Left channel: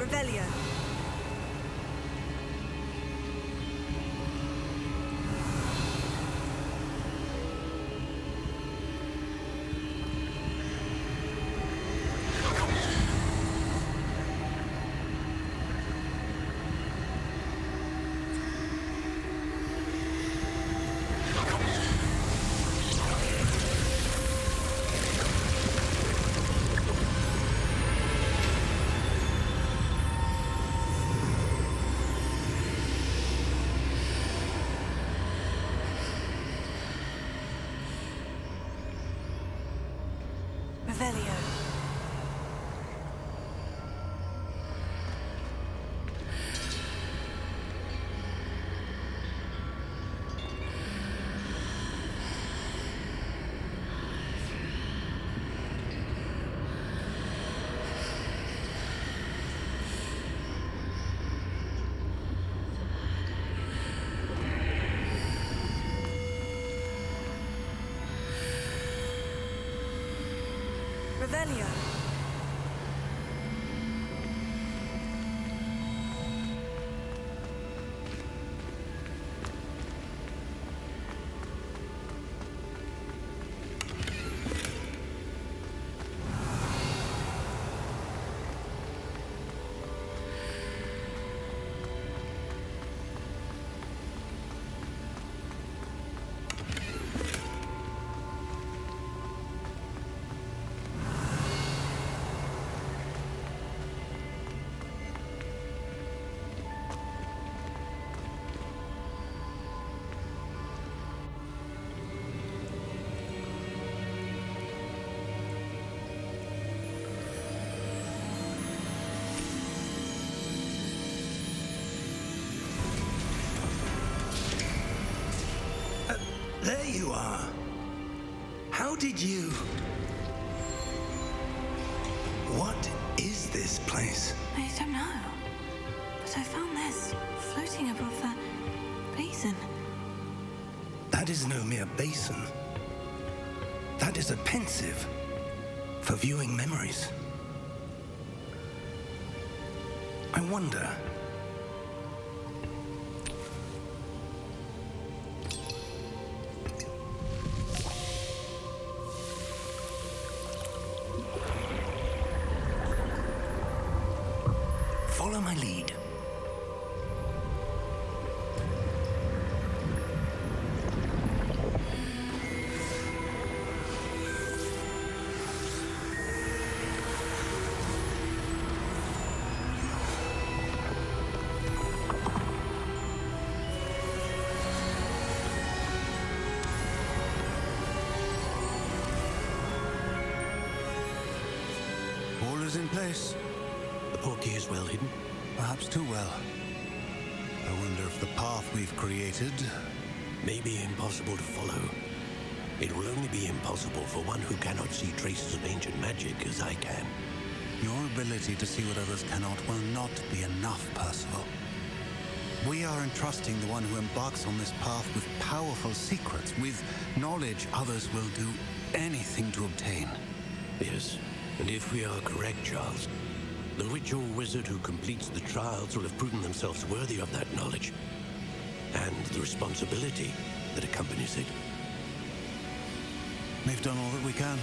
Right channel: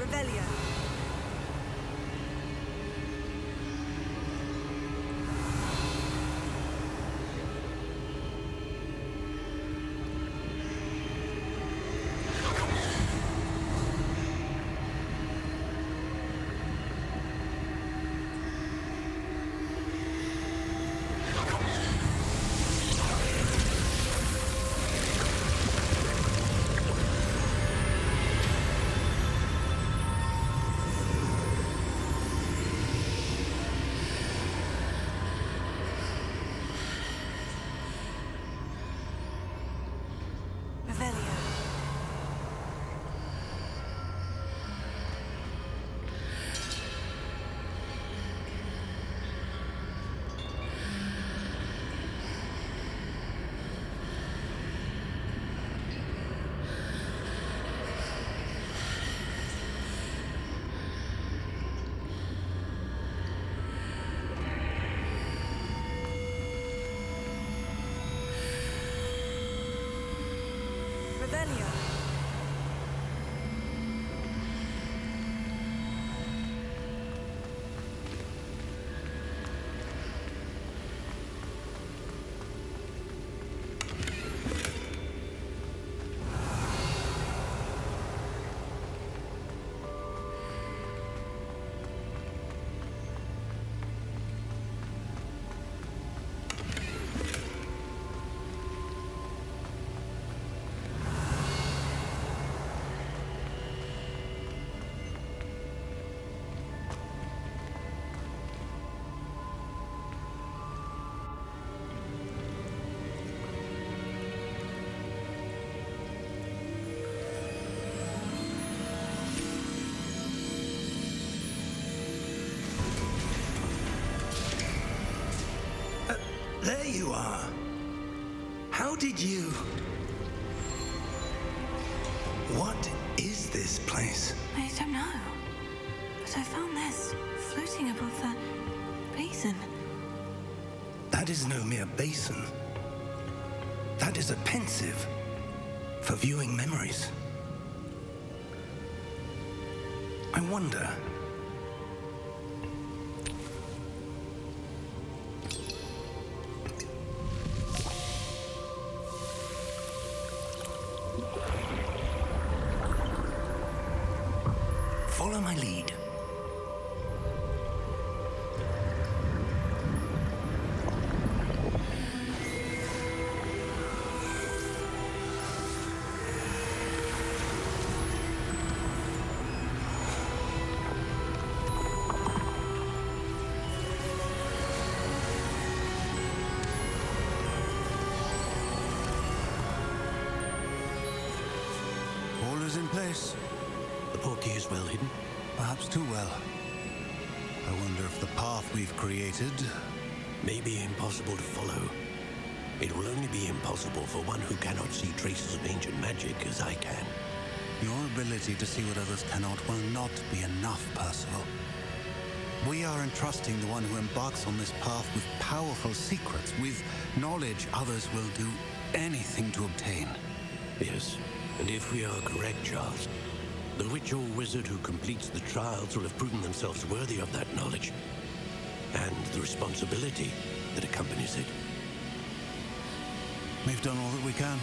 Revelio. Revelio. Revelio. There you are. How did you... What is this place? I don't know. But I found this floating above that basin. That is no mere basin. That is a pensive for viewing memories. I wonder... Follow my lead. All is in place. The portkey is well hidden. Perhaps too well. I wonder if the path we've created... May be impossible to follow. It will only be impossible for one who cannot see traces of ancient magic as I can. Your ability to see what others cannot will not be enough, Percival. We are entrusting the one who embarks on this path with powerful secrets, with knowledge others will do anything to obtain. Yes, and if we are correct, Charles, the witch or wizard who completes the trials will have proven themselves worthy of that knowledge and the responsibility that accompanies it. We've done all that we can.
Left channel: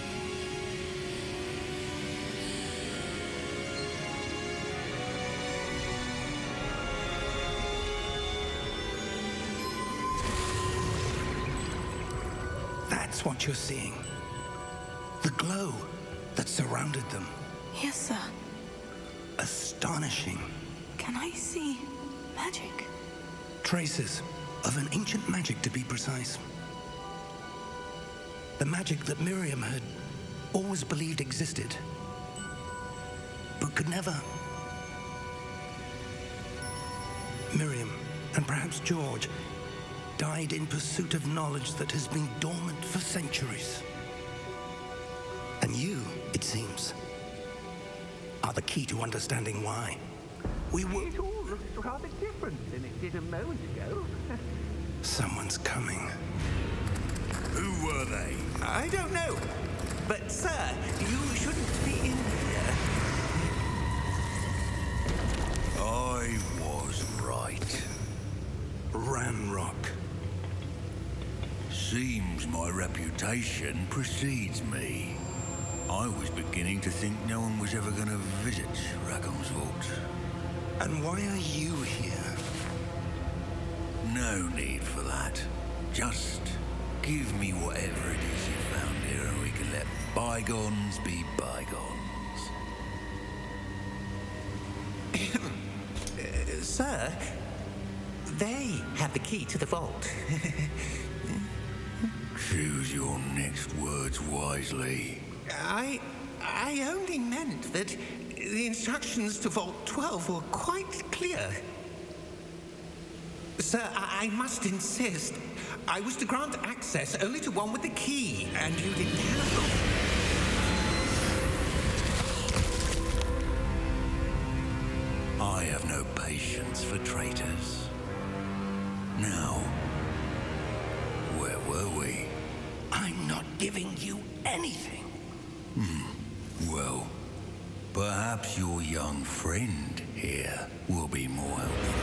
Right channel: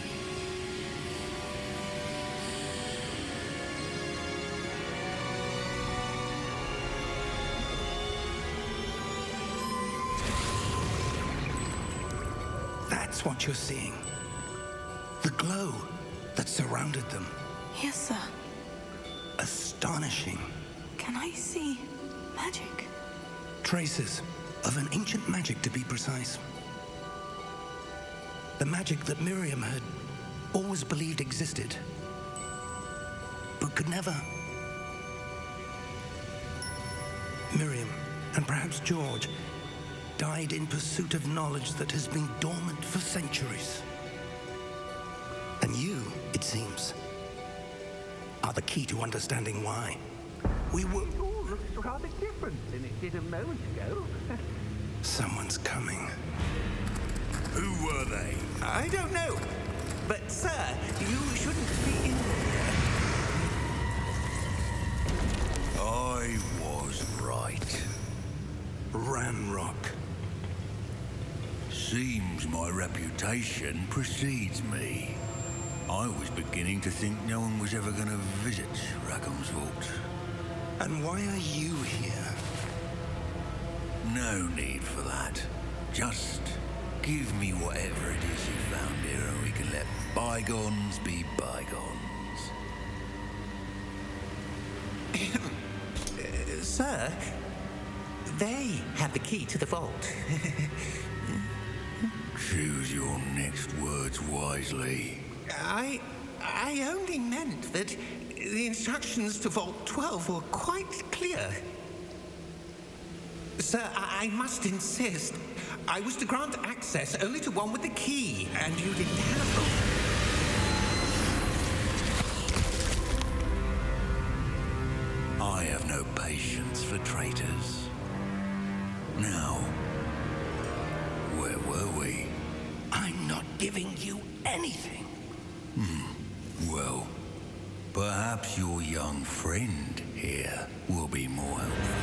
That's what you're seeing. The glow that surrounded them. Yes, sir. Astonishing. Can I see magic? Traces of an ancient magic, to be precise. The magic that Miriam had always believed existed, but could never. Miriam, and perhaps George, died in pursuit of knowledge that has been dormant for centuries. And you, it seems, are the key to understanding why. It all looks rather different than it did a moment ago. Someone's coming. Who were they? I don't know. But, sir, you shouldn't be in here. my reputation precedes me. I was beginning to think no one was ever going to visit Rackham's vault. And why are you here? No need for that. Just give me whatever it is you found here and we can let bygones be bygones. Sir, they have the key to the vault. Choose your next words wisely. I only meant that the instructions to Vault 12 were quite clear. Sir, I must insist. I was to grant access only to one with the key, and you didn't have them. I have no patience for traitors. Now, where were we? I'm not giving you anything. Well, perhaps your young friend here will be more helpful.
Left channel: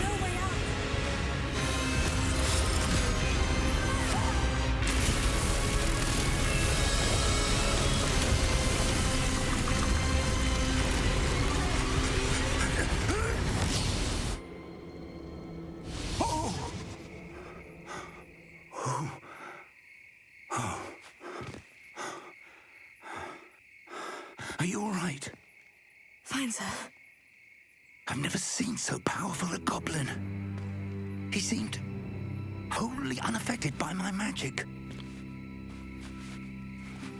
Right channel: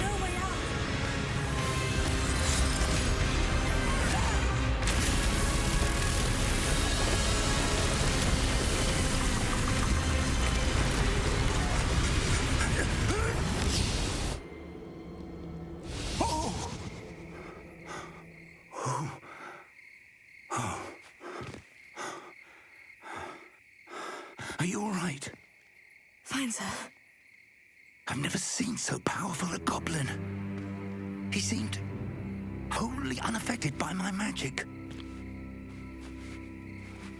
No way out. Are you all right? Fine, sir. I've never seen so powerful a goblin. He seemed wholly unaffected by my magic.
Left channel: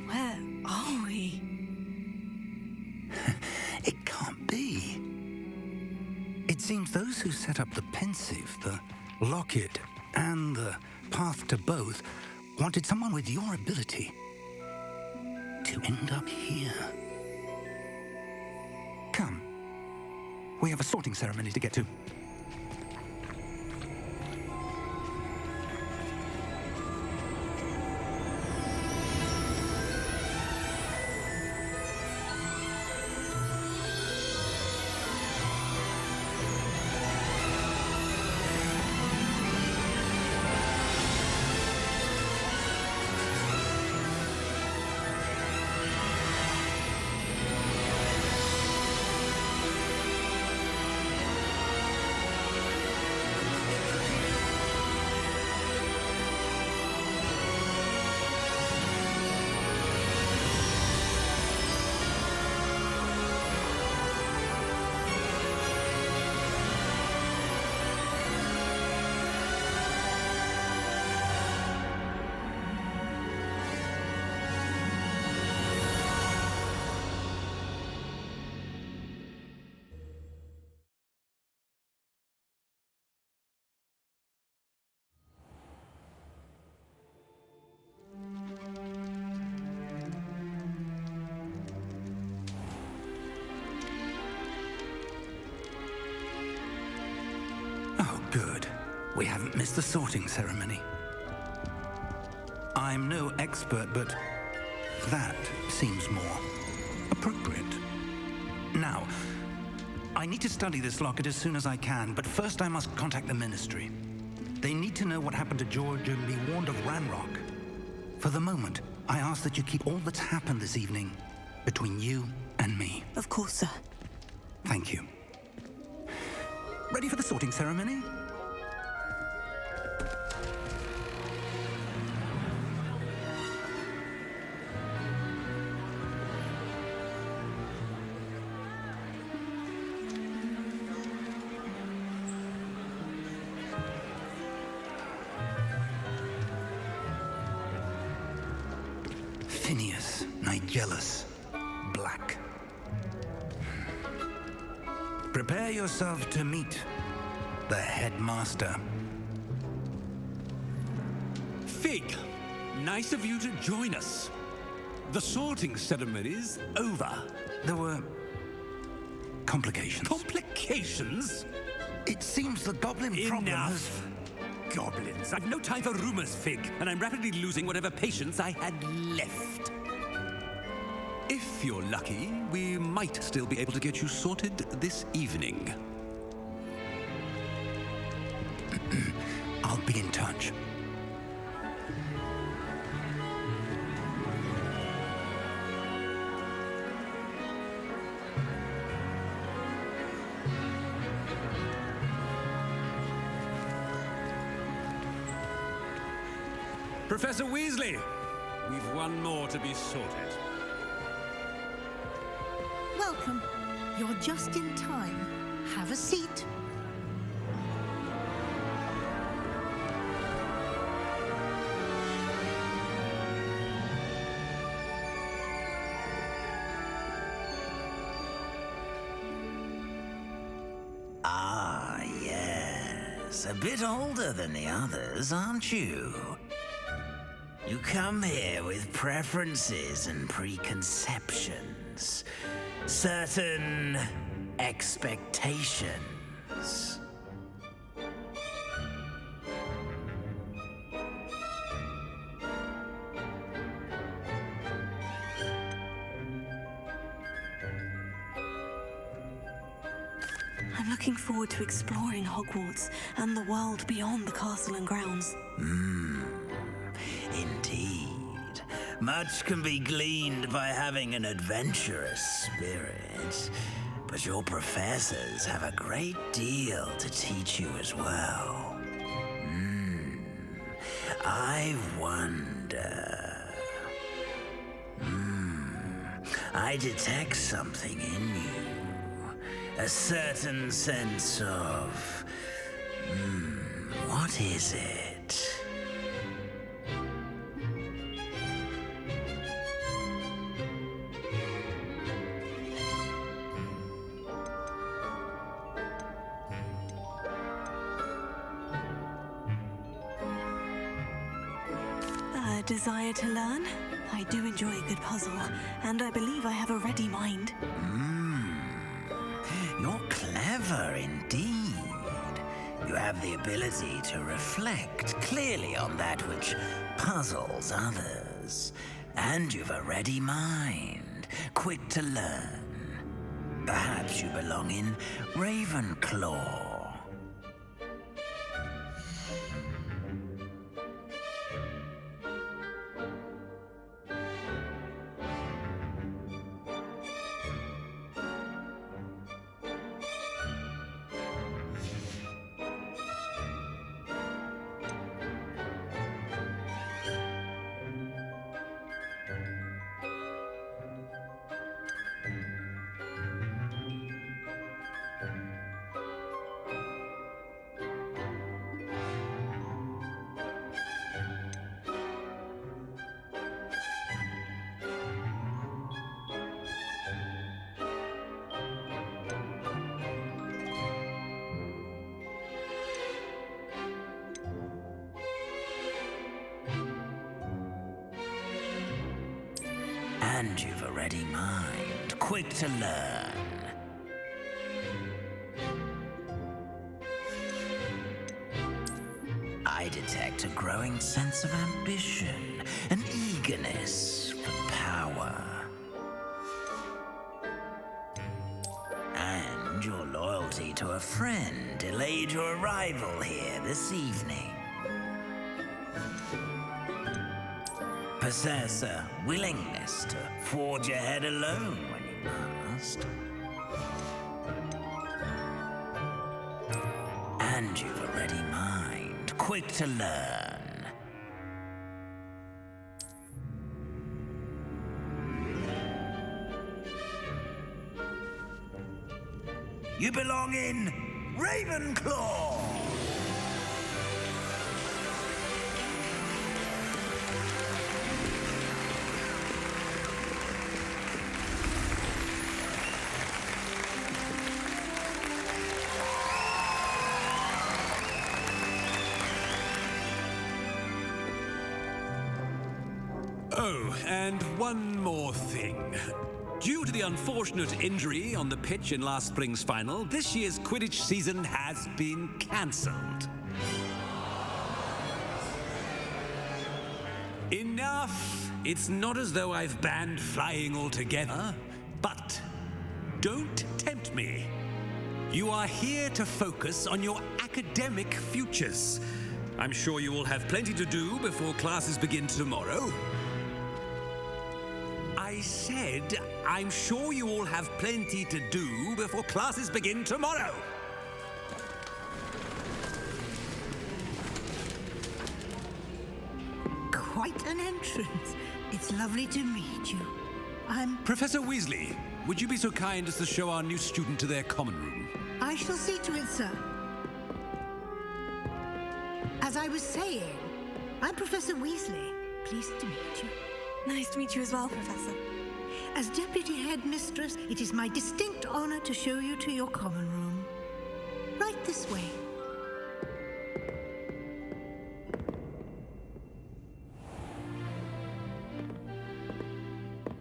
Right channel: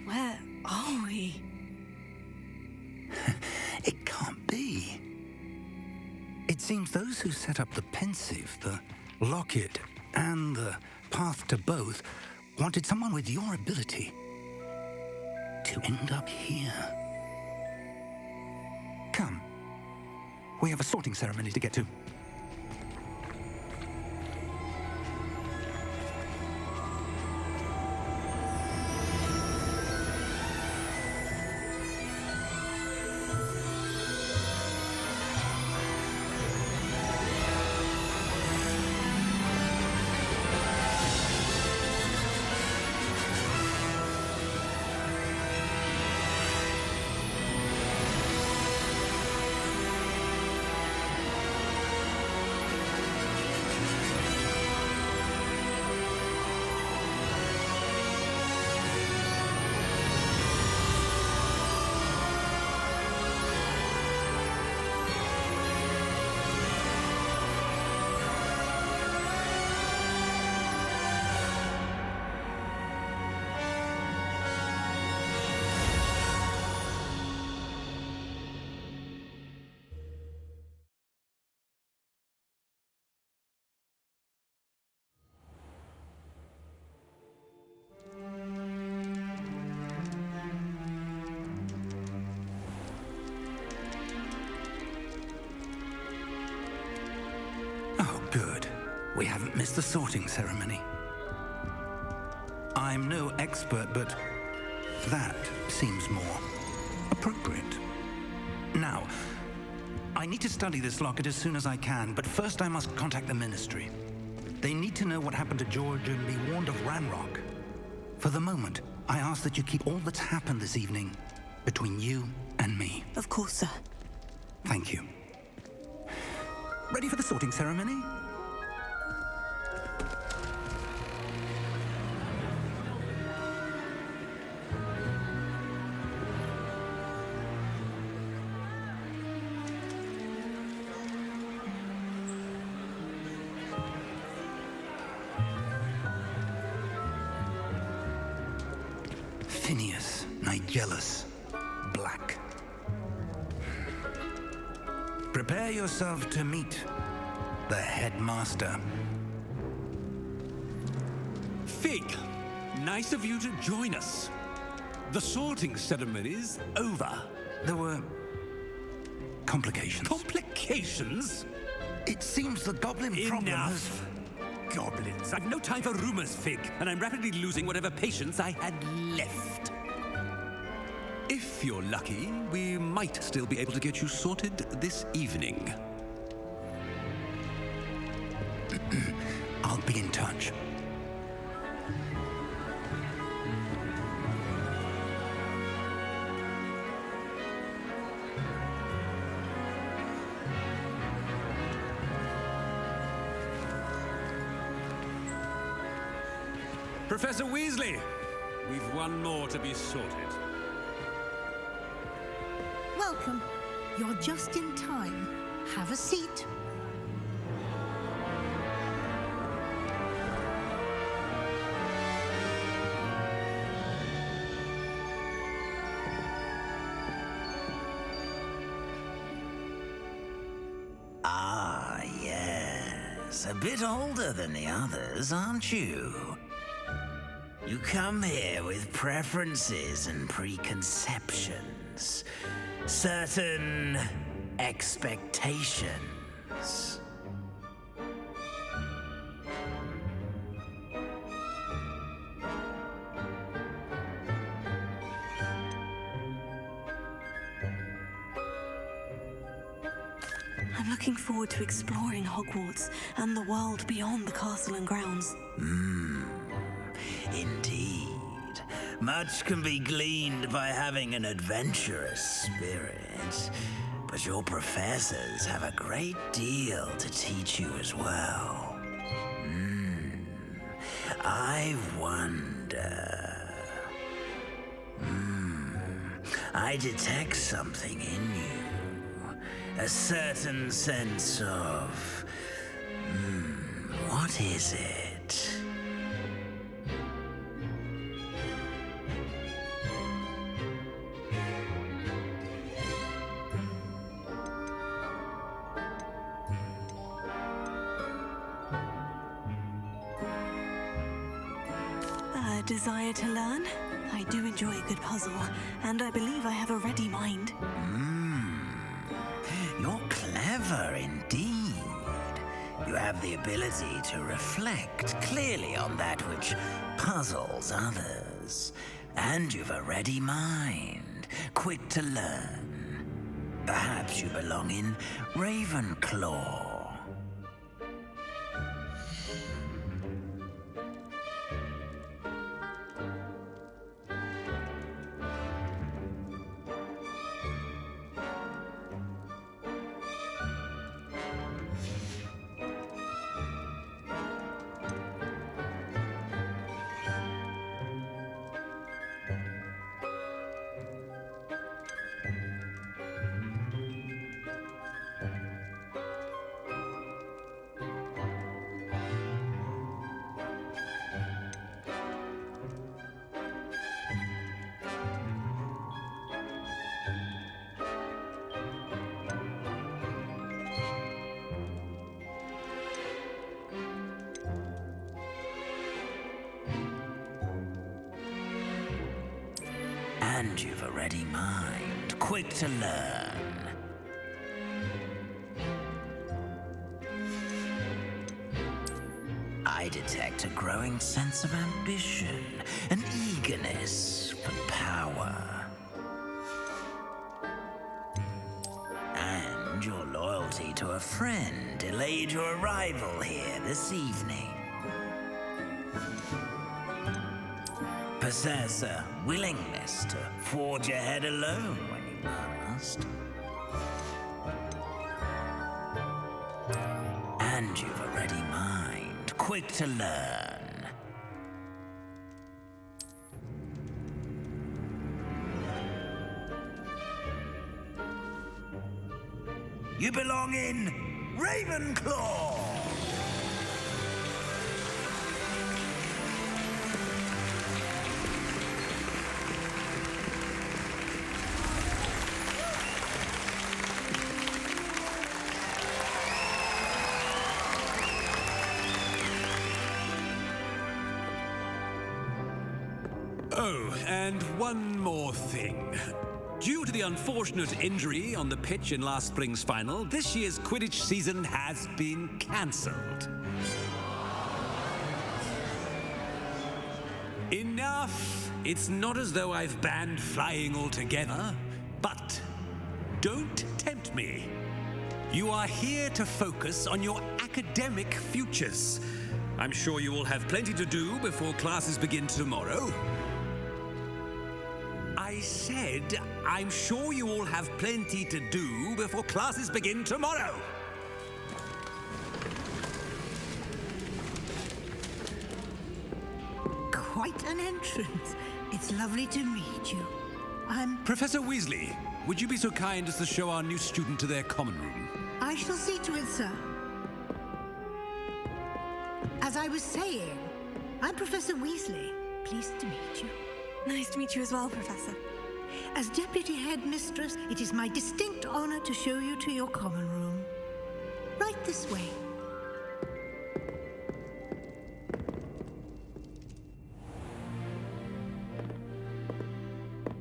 Where are we? It can't be. It seems those who set up the pensive, the locket, and the path to both wanted someone with your ability to end up here. Come. We have a sorting ceremony to get to. Oh, good. We haven't missed the sorting ceremony. I'm no expert, but that seems more appropriate. Now, I need to study this locket as soon as I can, but first I must contact the Ministry. They need to know what happened to George and be warned of Ranrock. For the moment, I ask that you keep all that's happened this evening between you and me. Of course, sir. Thank you. Ready for the sorting ceremony? Nigellus Black. Prepare yourself to meet the headmaster. Fig, nice of you to join us. The sorting ceremony's over. There were complications. Complications? It seems the goblin problem has... Enough! Goblins. I've no time for rumors, Fig, and I'm rapidly losing whatever patience I had left. If you're lucky, we might still be able to get you sorted this evening. I'll be in touch. Professor Weasley, we've one more to be sorted. Welcome. You're just in time. Have a seat. Ah, yes. A bit older than the others, aren't you? You come here with preferences and preconceptions. Certain expectations. I'm looking forward to exploring Hogwarts and the world beyond the castle and grounds. Indeed. Much can be gleaned by having an adventurous spirit, but your professors have a great deal to teach you as well. I wonder... I detect something in you. A certain sense of... what is it? A desire to learn? I do enjoy a good puzzle, and I believe I have a ready mind. You're clever indeed. You have the ability to reflect clearly on that which puzzles others. And you've a ready mind, quick to learn. Perhaps you belong in Ravenclaw. And you've a ready mind, quick to learn. I detect a growing sense of ambition, an eagerness for power. And your loyalty to a friend delayed your arrival here this evening. Possess a willingness to forge ahead alone when you must. And you've a ready mind, quick to learn. You belong in Ravenclaw! Oh, and one more thing. Due to the unfortunate injury on the pitch in last spring's final, this year's Quidditch season has been cancelled. Enough! It's not as though I've banned flying altogether, but don't tempt me. You are here to focus on your academic futures. I'm sure you will have plenty to do before classes begin tomorrow. I said, I'm sure you all have plenty to do before classes begin tomorrow. Quite an entrance. It's lovely to meet you. I'm... Professor Weasley, would you be so kind as to show our new student to their common room? I shall see to it, sir. As I was saying, I'm Professor Weasley. Pleased to meet you. Nice to meet you as well, Professor. As Deputy Headmistress, it is my distinct honor to show you to your common room. Right this way.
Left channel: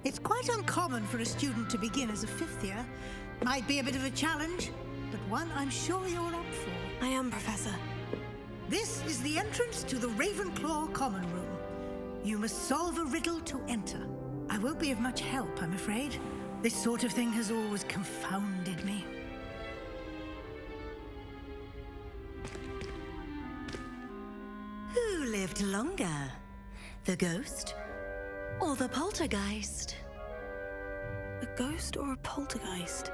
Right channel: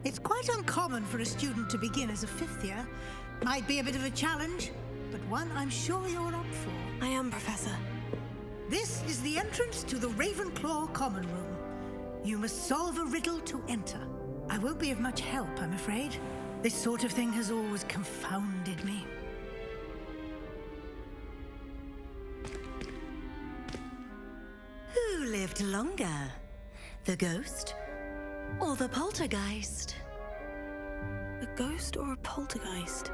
It's quite uncommon for a student to begin as a fifth year. Might be a bit of a challenge, but one I'm sure you're up for. I am, Professor. This is the entrance to the Ravenclaw common room. You must solve a riddle to enter. I won't be of much help, I'm afraid. This sort of thing has always confounded me. Who lived longer? The ghost or the poltergeist? A ghost or a poltergeist?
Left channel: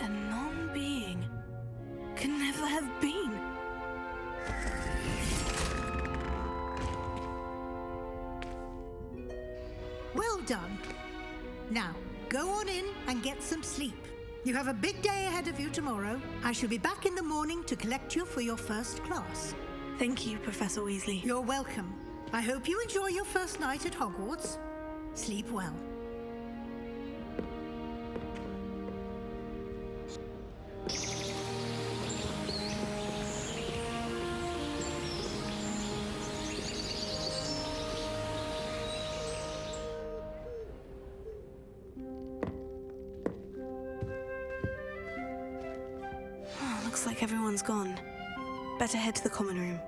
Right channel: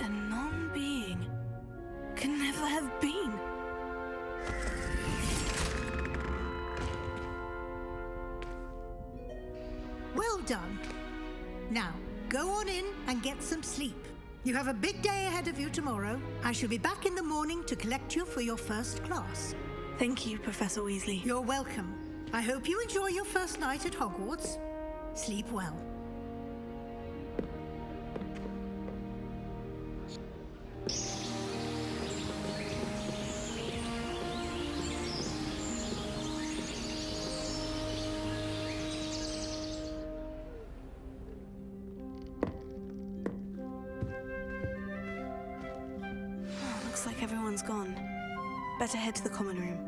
A non-being can never have been. Well done. Now, go on in and get some sleep. You have a big day ahead of you tomorrow. I shall be back in the morning to collect you for your first class. Thank you, Professor Weasley. You're welcome. I hope you enjoy your first night at Hogwarts. Sleep well. Looks like everyone's gone. Better head to the common room.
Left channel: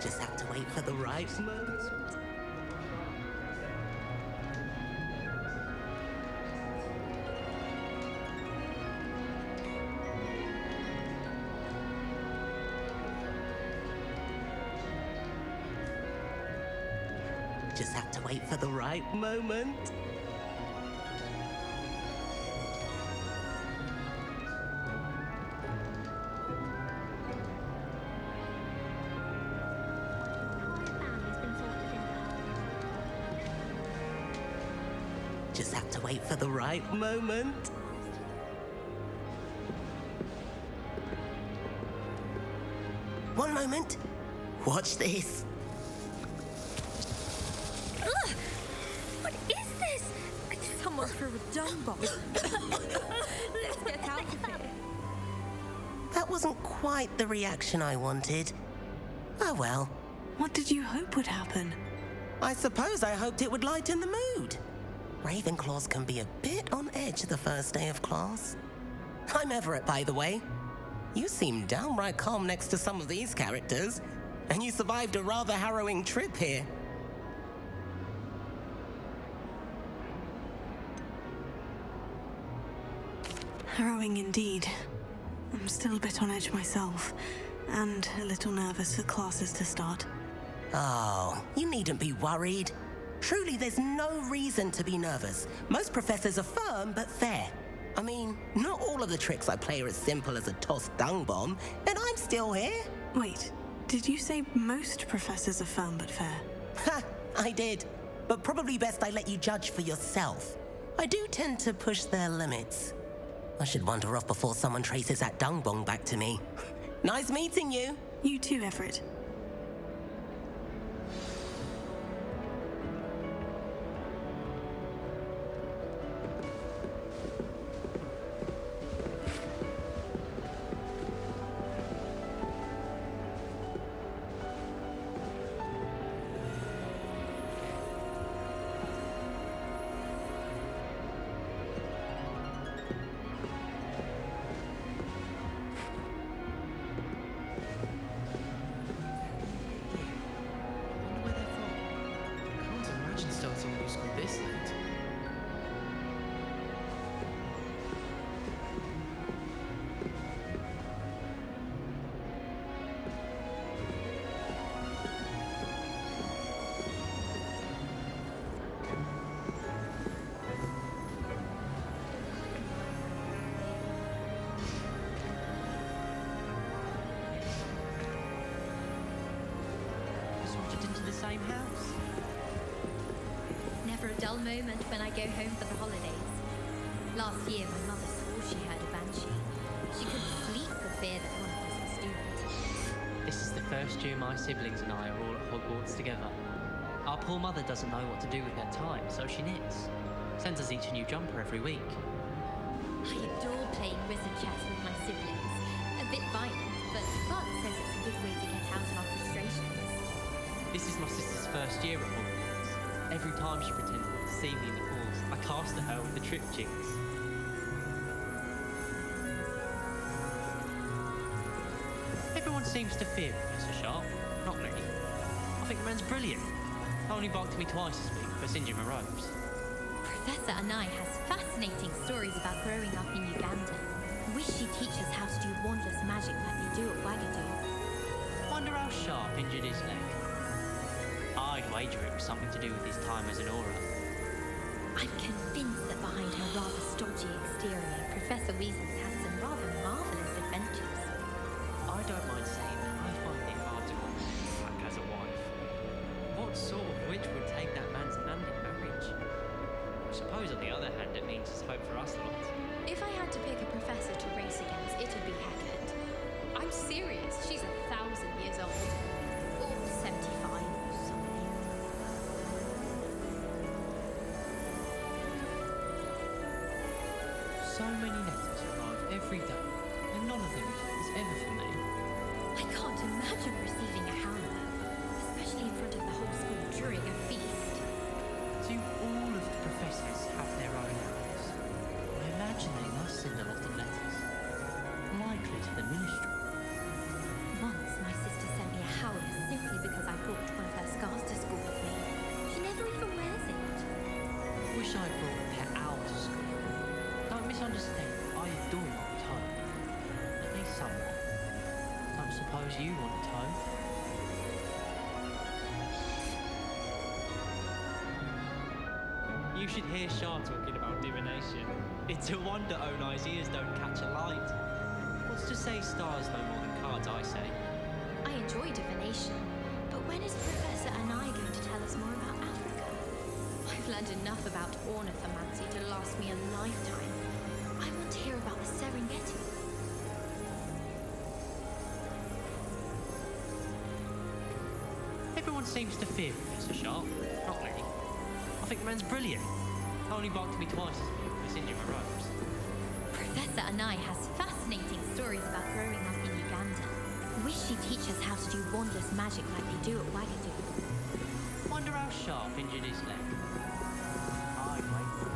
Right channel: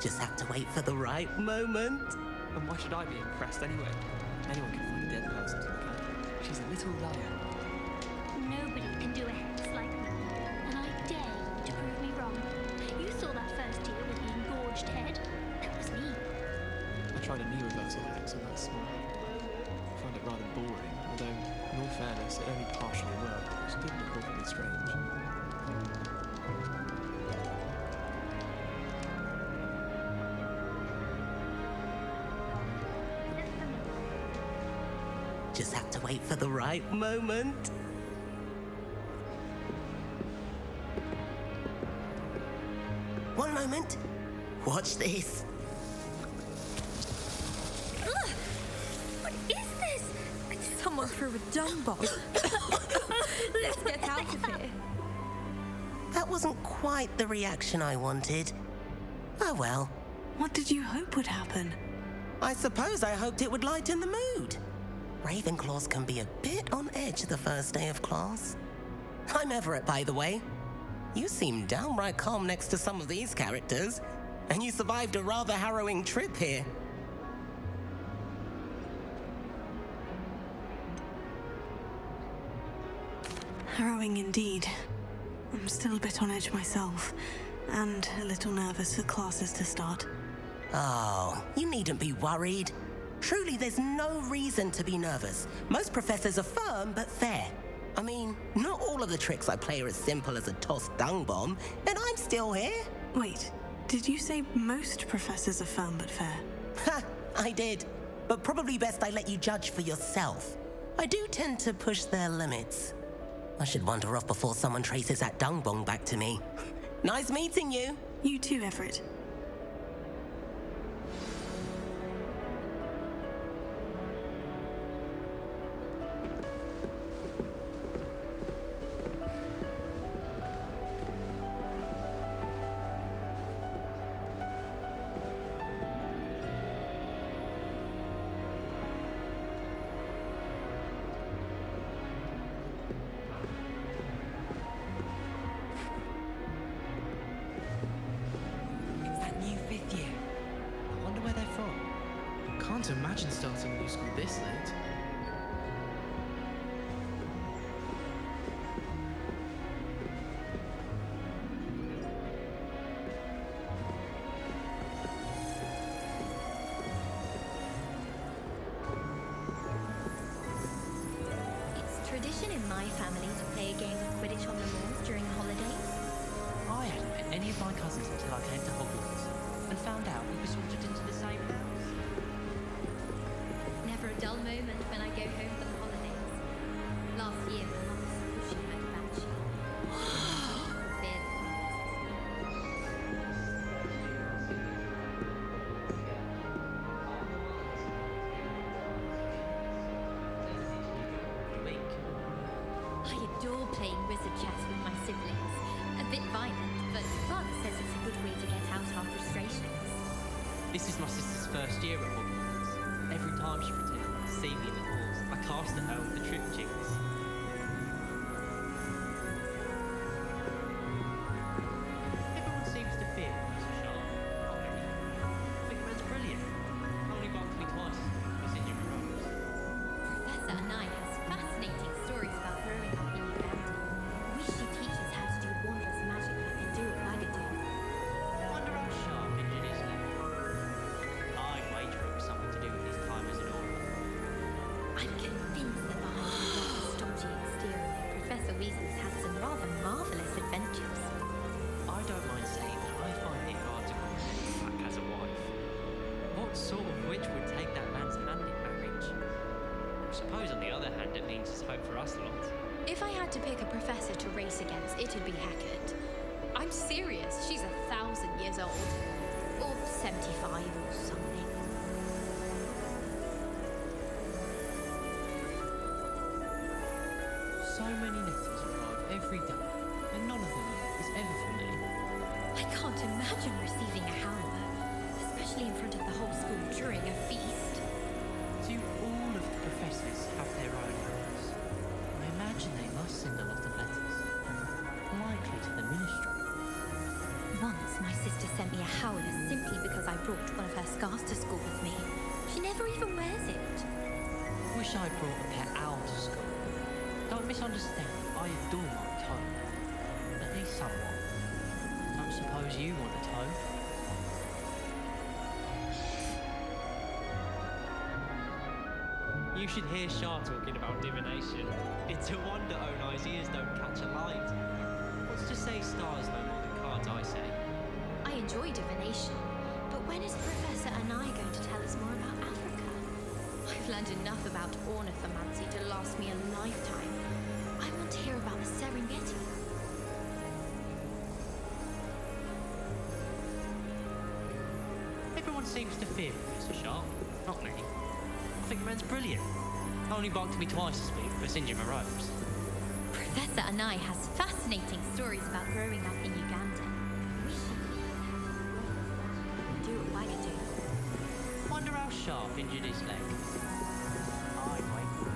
Just have to wait for the right moment. And why should I be impressed anyway? Anyone can find a dead person to look at. She's a little liar. Nobody can do it just like that. And I dare you to prove me wrong. You saw that first year with the engorged head. That was me. I tried a new Just have to wait for the right moment. I find it rather boring, although, in all fairness, it only partially worked. It's good people can be strange. Just have to wait for the right moment. One moment. Watch this. Ugh! What is this? Someone threw a dung bomb. Let's get out of here. That wasn't quite the reaction I wanted. Oh well. What did you hope would happen? I suppose I hoped it would lighten the mood. Ravenclaws can be a bit on edge the first day of class. I'm Everett, by the way. You seem downright calm next to some of these characters, and you survived a rather harrowing trip here. Harrowing indeed. I'm still a bit on edge myself, and a little nervous for classes to start. Oh, you needn't be worried. Truly, there's no reason to be nervous. Most professors are firm but fair. I mean, not all of the tricks I play are as simple as a tossed dung bomb, and I'm still here. Wait, did you say most professors are firm but fair? Ha, I did. But probably best I let you judge for yourself. I do tend to push their limits. I should wander off before someone traces that dung bomb back to me. Nice meeting you. You too, Everett. Imagine starting a new school this late. It's tradition in my family to play a game of Quidditch on the rooms during the holidays. I hadn't met any of my cousins until I headed to Hogwarts and found out we were sorted into the same house. Never a dull moment when I go home for the holidays. Last year, my mother swore she heard a banshee. She couldn't sleep for fear that one of us was doomed. This is the first year my siblings and I are all at Hogwarts together. Our poor mother doesn't know what to do with her time, so she knits. Sends us each a new jumper every week. I adore playing wizard chess with my siblings. A bit violent, but Father says it's a good way to get out our frustrations. This is my sister's first year at Hogwarts. Every time she pretends not to see me in the halls, I cast at her with the trip jinx. Everyone seems to fear Professor Sharp. Not me. I think the man's brilliant. Only barked at me twice this week for singeing my robes. Professor Anai has fascinating stories about growing up in Uganda. Wish she'd teach us how to do wandless magic like they do at Wagadu. Wonder how Sharp injured his leg. I'd wager it was something to do with his time as an aura. I'm convinced that behind her rather stodgy exterior, Professor Weasley's had some rather marvellous adventures. I don't mind saying that I find it hard to comprehend Black as a wife. What sort of witch would take that man's hand in marriage? I suppose on the other hand it means there's hope for us lot. If I had to pick a professor to race against, it'd be Hackett. I'm serious, she's 1,000 years old. Or 75 or something. So many letters arrive every day, and none of them is ever for me. I can't imagine receiving a howler, especially in front of the whole school during a feast. Do all of the professors have their own arrows? I imagine they must send a lot of letters. Likely to the Ministry. Once, my sister sent me a howler simply because I brought one of her scarves to school with me. She never even wears it. Wish I brought a pet owl to school. Don't misunderstand, I adore my toad. At least somewhat. Don't suppose you want a toad? You should hear Shah talking about divination. It's a wonder Onai's ears don't catch a light. What's to say stars no more than cards, I say. I enjoy divination, but when is Professor Anai going to tell us more about Africa? I've learned enough about ornithomancy to last me a lifetime. I want to hear about the Serengeti. Everyone seems to fear Professor Shah. Not me. I think the man's brilliant. Only barked at me twice this week for singeing my robes. Professor Anai has fascinating stories about growing up in Uganda. Wish she'd teach us how to do wondrous magic like they do at Wagadu. Wonder how Sharp injured his leg. Aye, mate.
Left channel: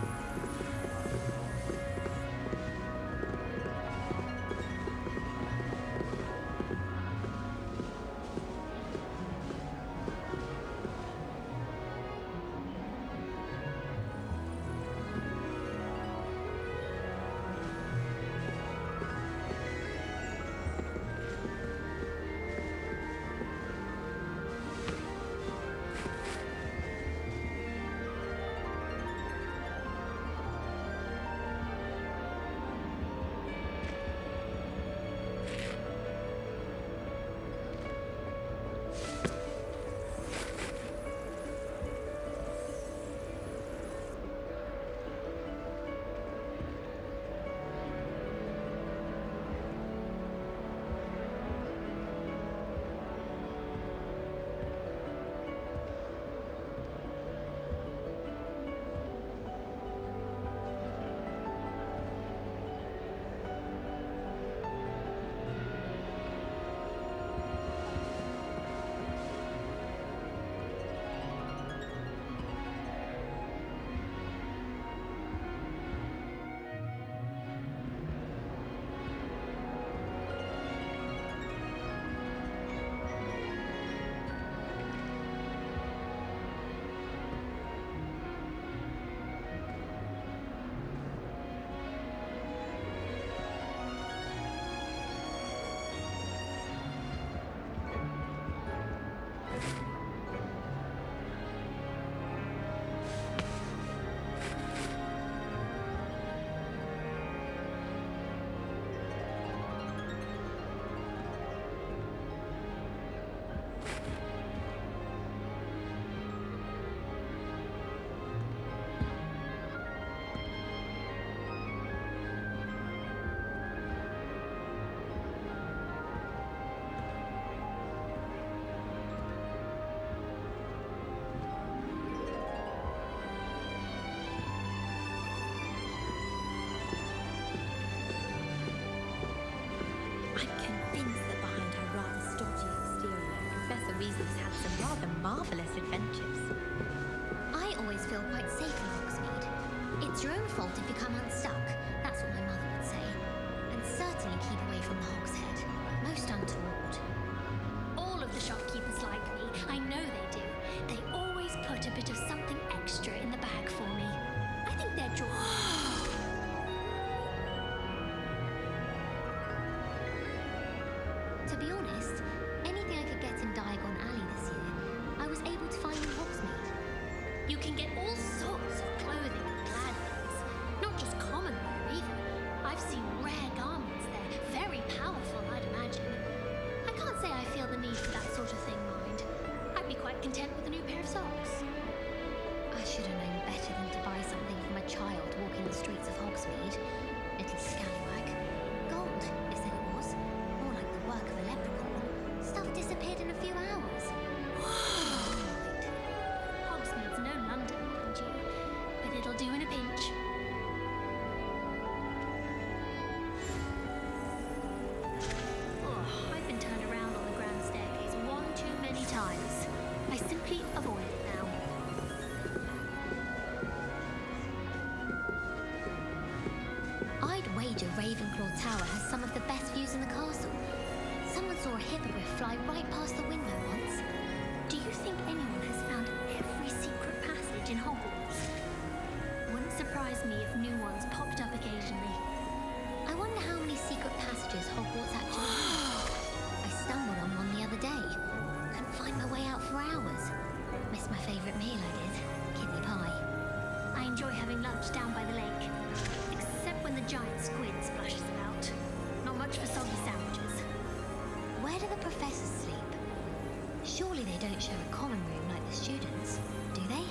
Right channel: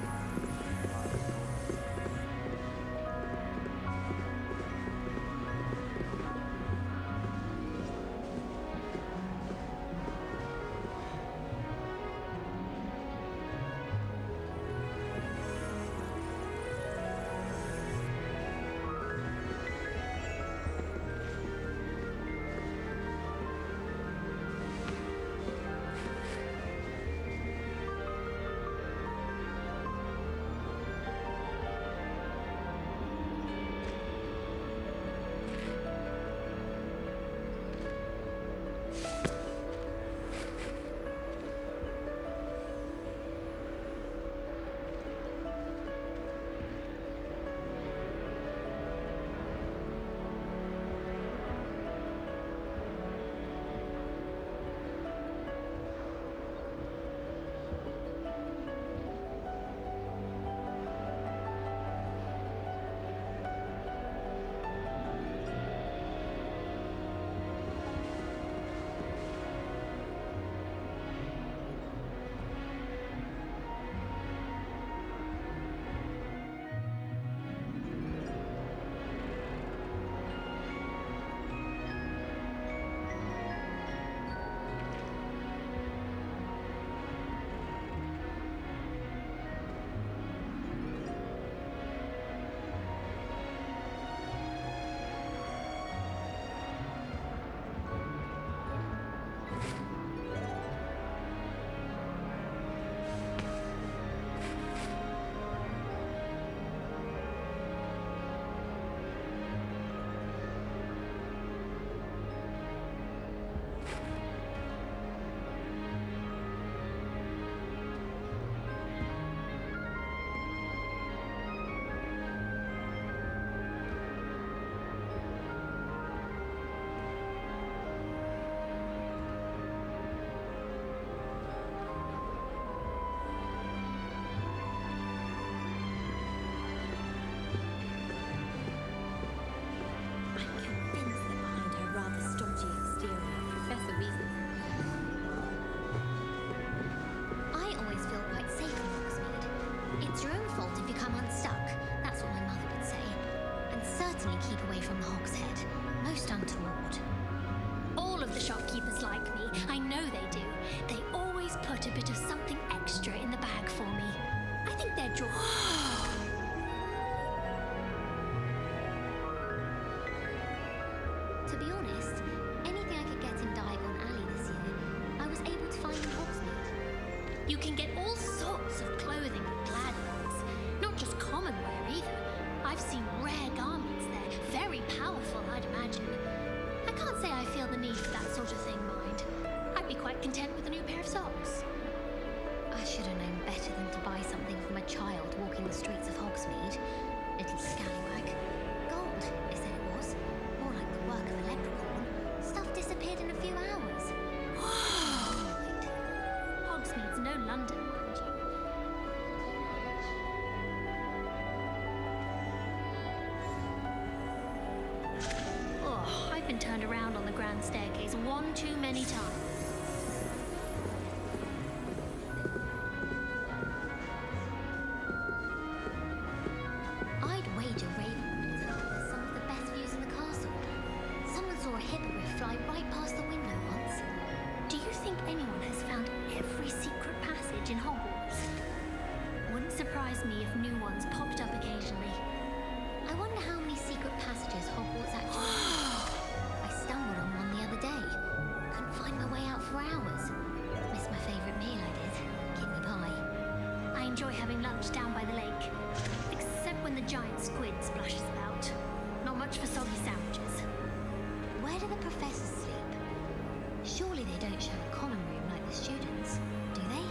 Weasley's had some rather marvellous adventures. I always feel quite safe in Hogsmeade. It's your own fault if you come unstuck, that's what my mother would say. And certainly keep away from the Hogshead. Most untoward. All of the shopkeepers like me. I know they do. They always put a bit of something extra in the bag for me. I think they're drawn. To be honest, anything I could get in Diagon Alley this year, I was able to find in Hogsmeade. You can get all sorts of clothing at Gladwell's. Not just common wear either. I've seen rare garments there. Very powerful, I'd imagine. I can't say I feel the need for that sort of thing, mind. I'd be quite content with a new pair of socks. I should have known better than to buy something from a child walking the streets of Hogsmeade. Little scallywag. Gold, they said it was. More like the work of a leprechaun. Stuff disappeared in a few hours. Right. Hogsmeade's no London, mind you. But it'll do in a pinch. Oh, I've been turned around on the grand staircase one too many times. I simply avoid it now. I'd wager Ravenclaw Tower has some of the best views in the castle. Someone saw a hippogriff hippogriff fly right past the window once. Do you think anyone has found every secret passage in Hogwarts? Wouldn't surprise me if new ones popped up occasionally. I wonder how many secret passages Hogwarts actually has. I stumbled on one the other day. Couldn't find my way out for hours. Missed my favourite meal, I did. Kidney pie. I enjoy having lunch down by the lake. Except when the giant squid splashes about. Not much for soggy sandwiches. Where do the professors sleep? Surely they don't share a common room like the students, do they?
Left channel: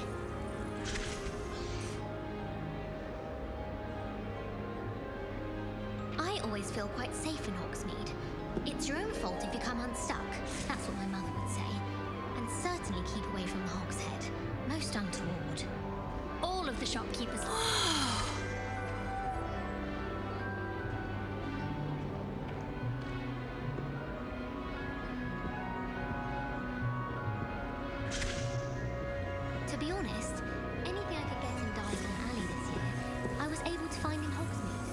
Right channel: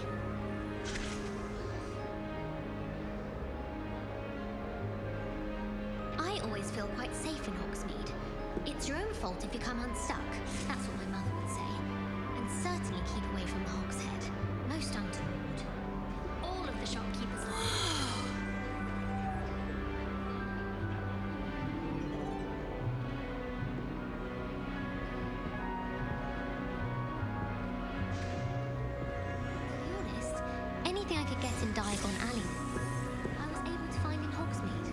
I always feel quite safe in Hogsmeade. It's your own fault if you come unstuck, that's what my mother would say. And certainly keep away from the Hog's Head. Most untoward. All of the shopkeepers. To be honest, anything I could get in Diagon Alley this year, I was able to find in Hogsmeade.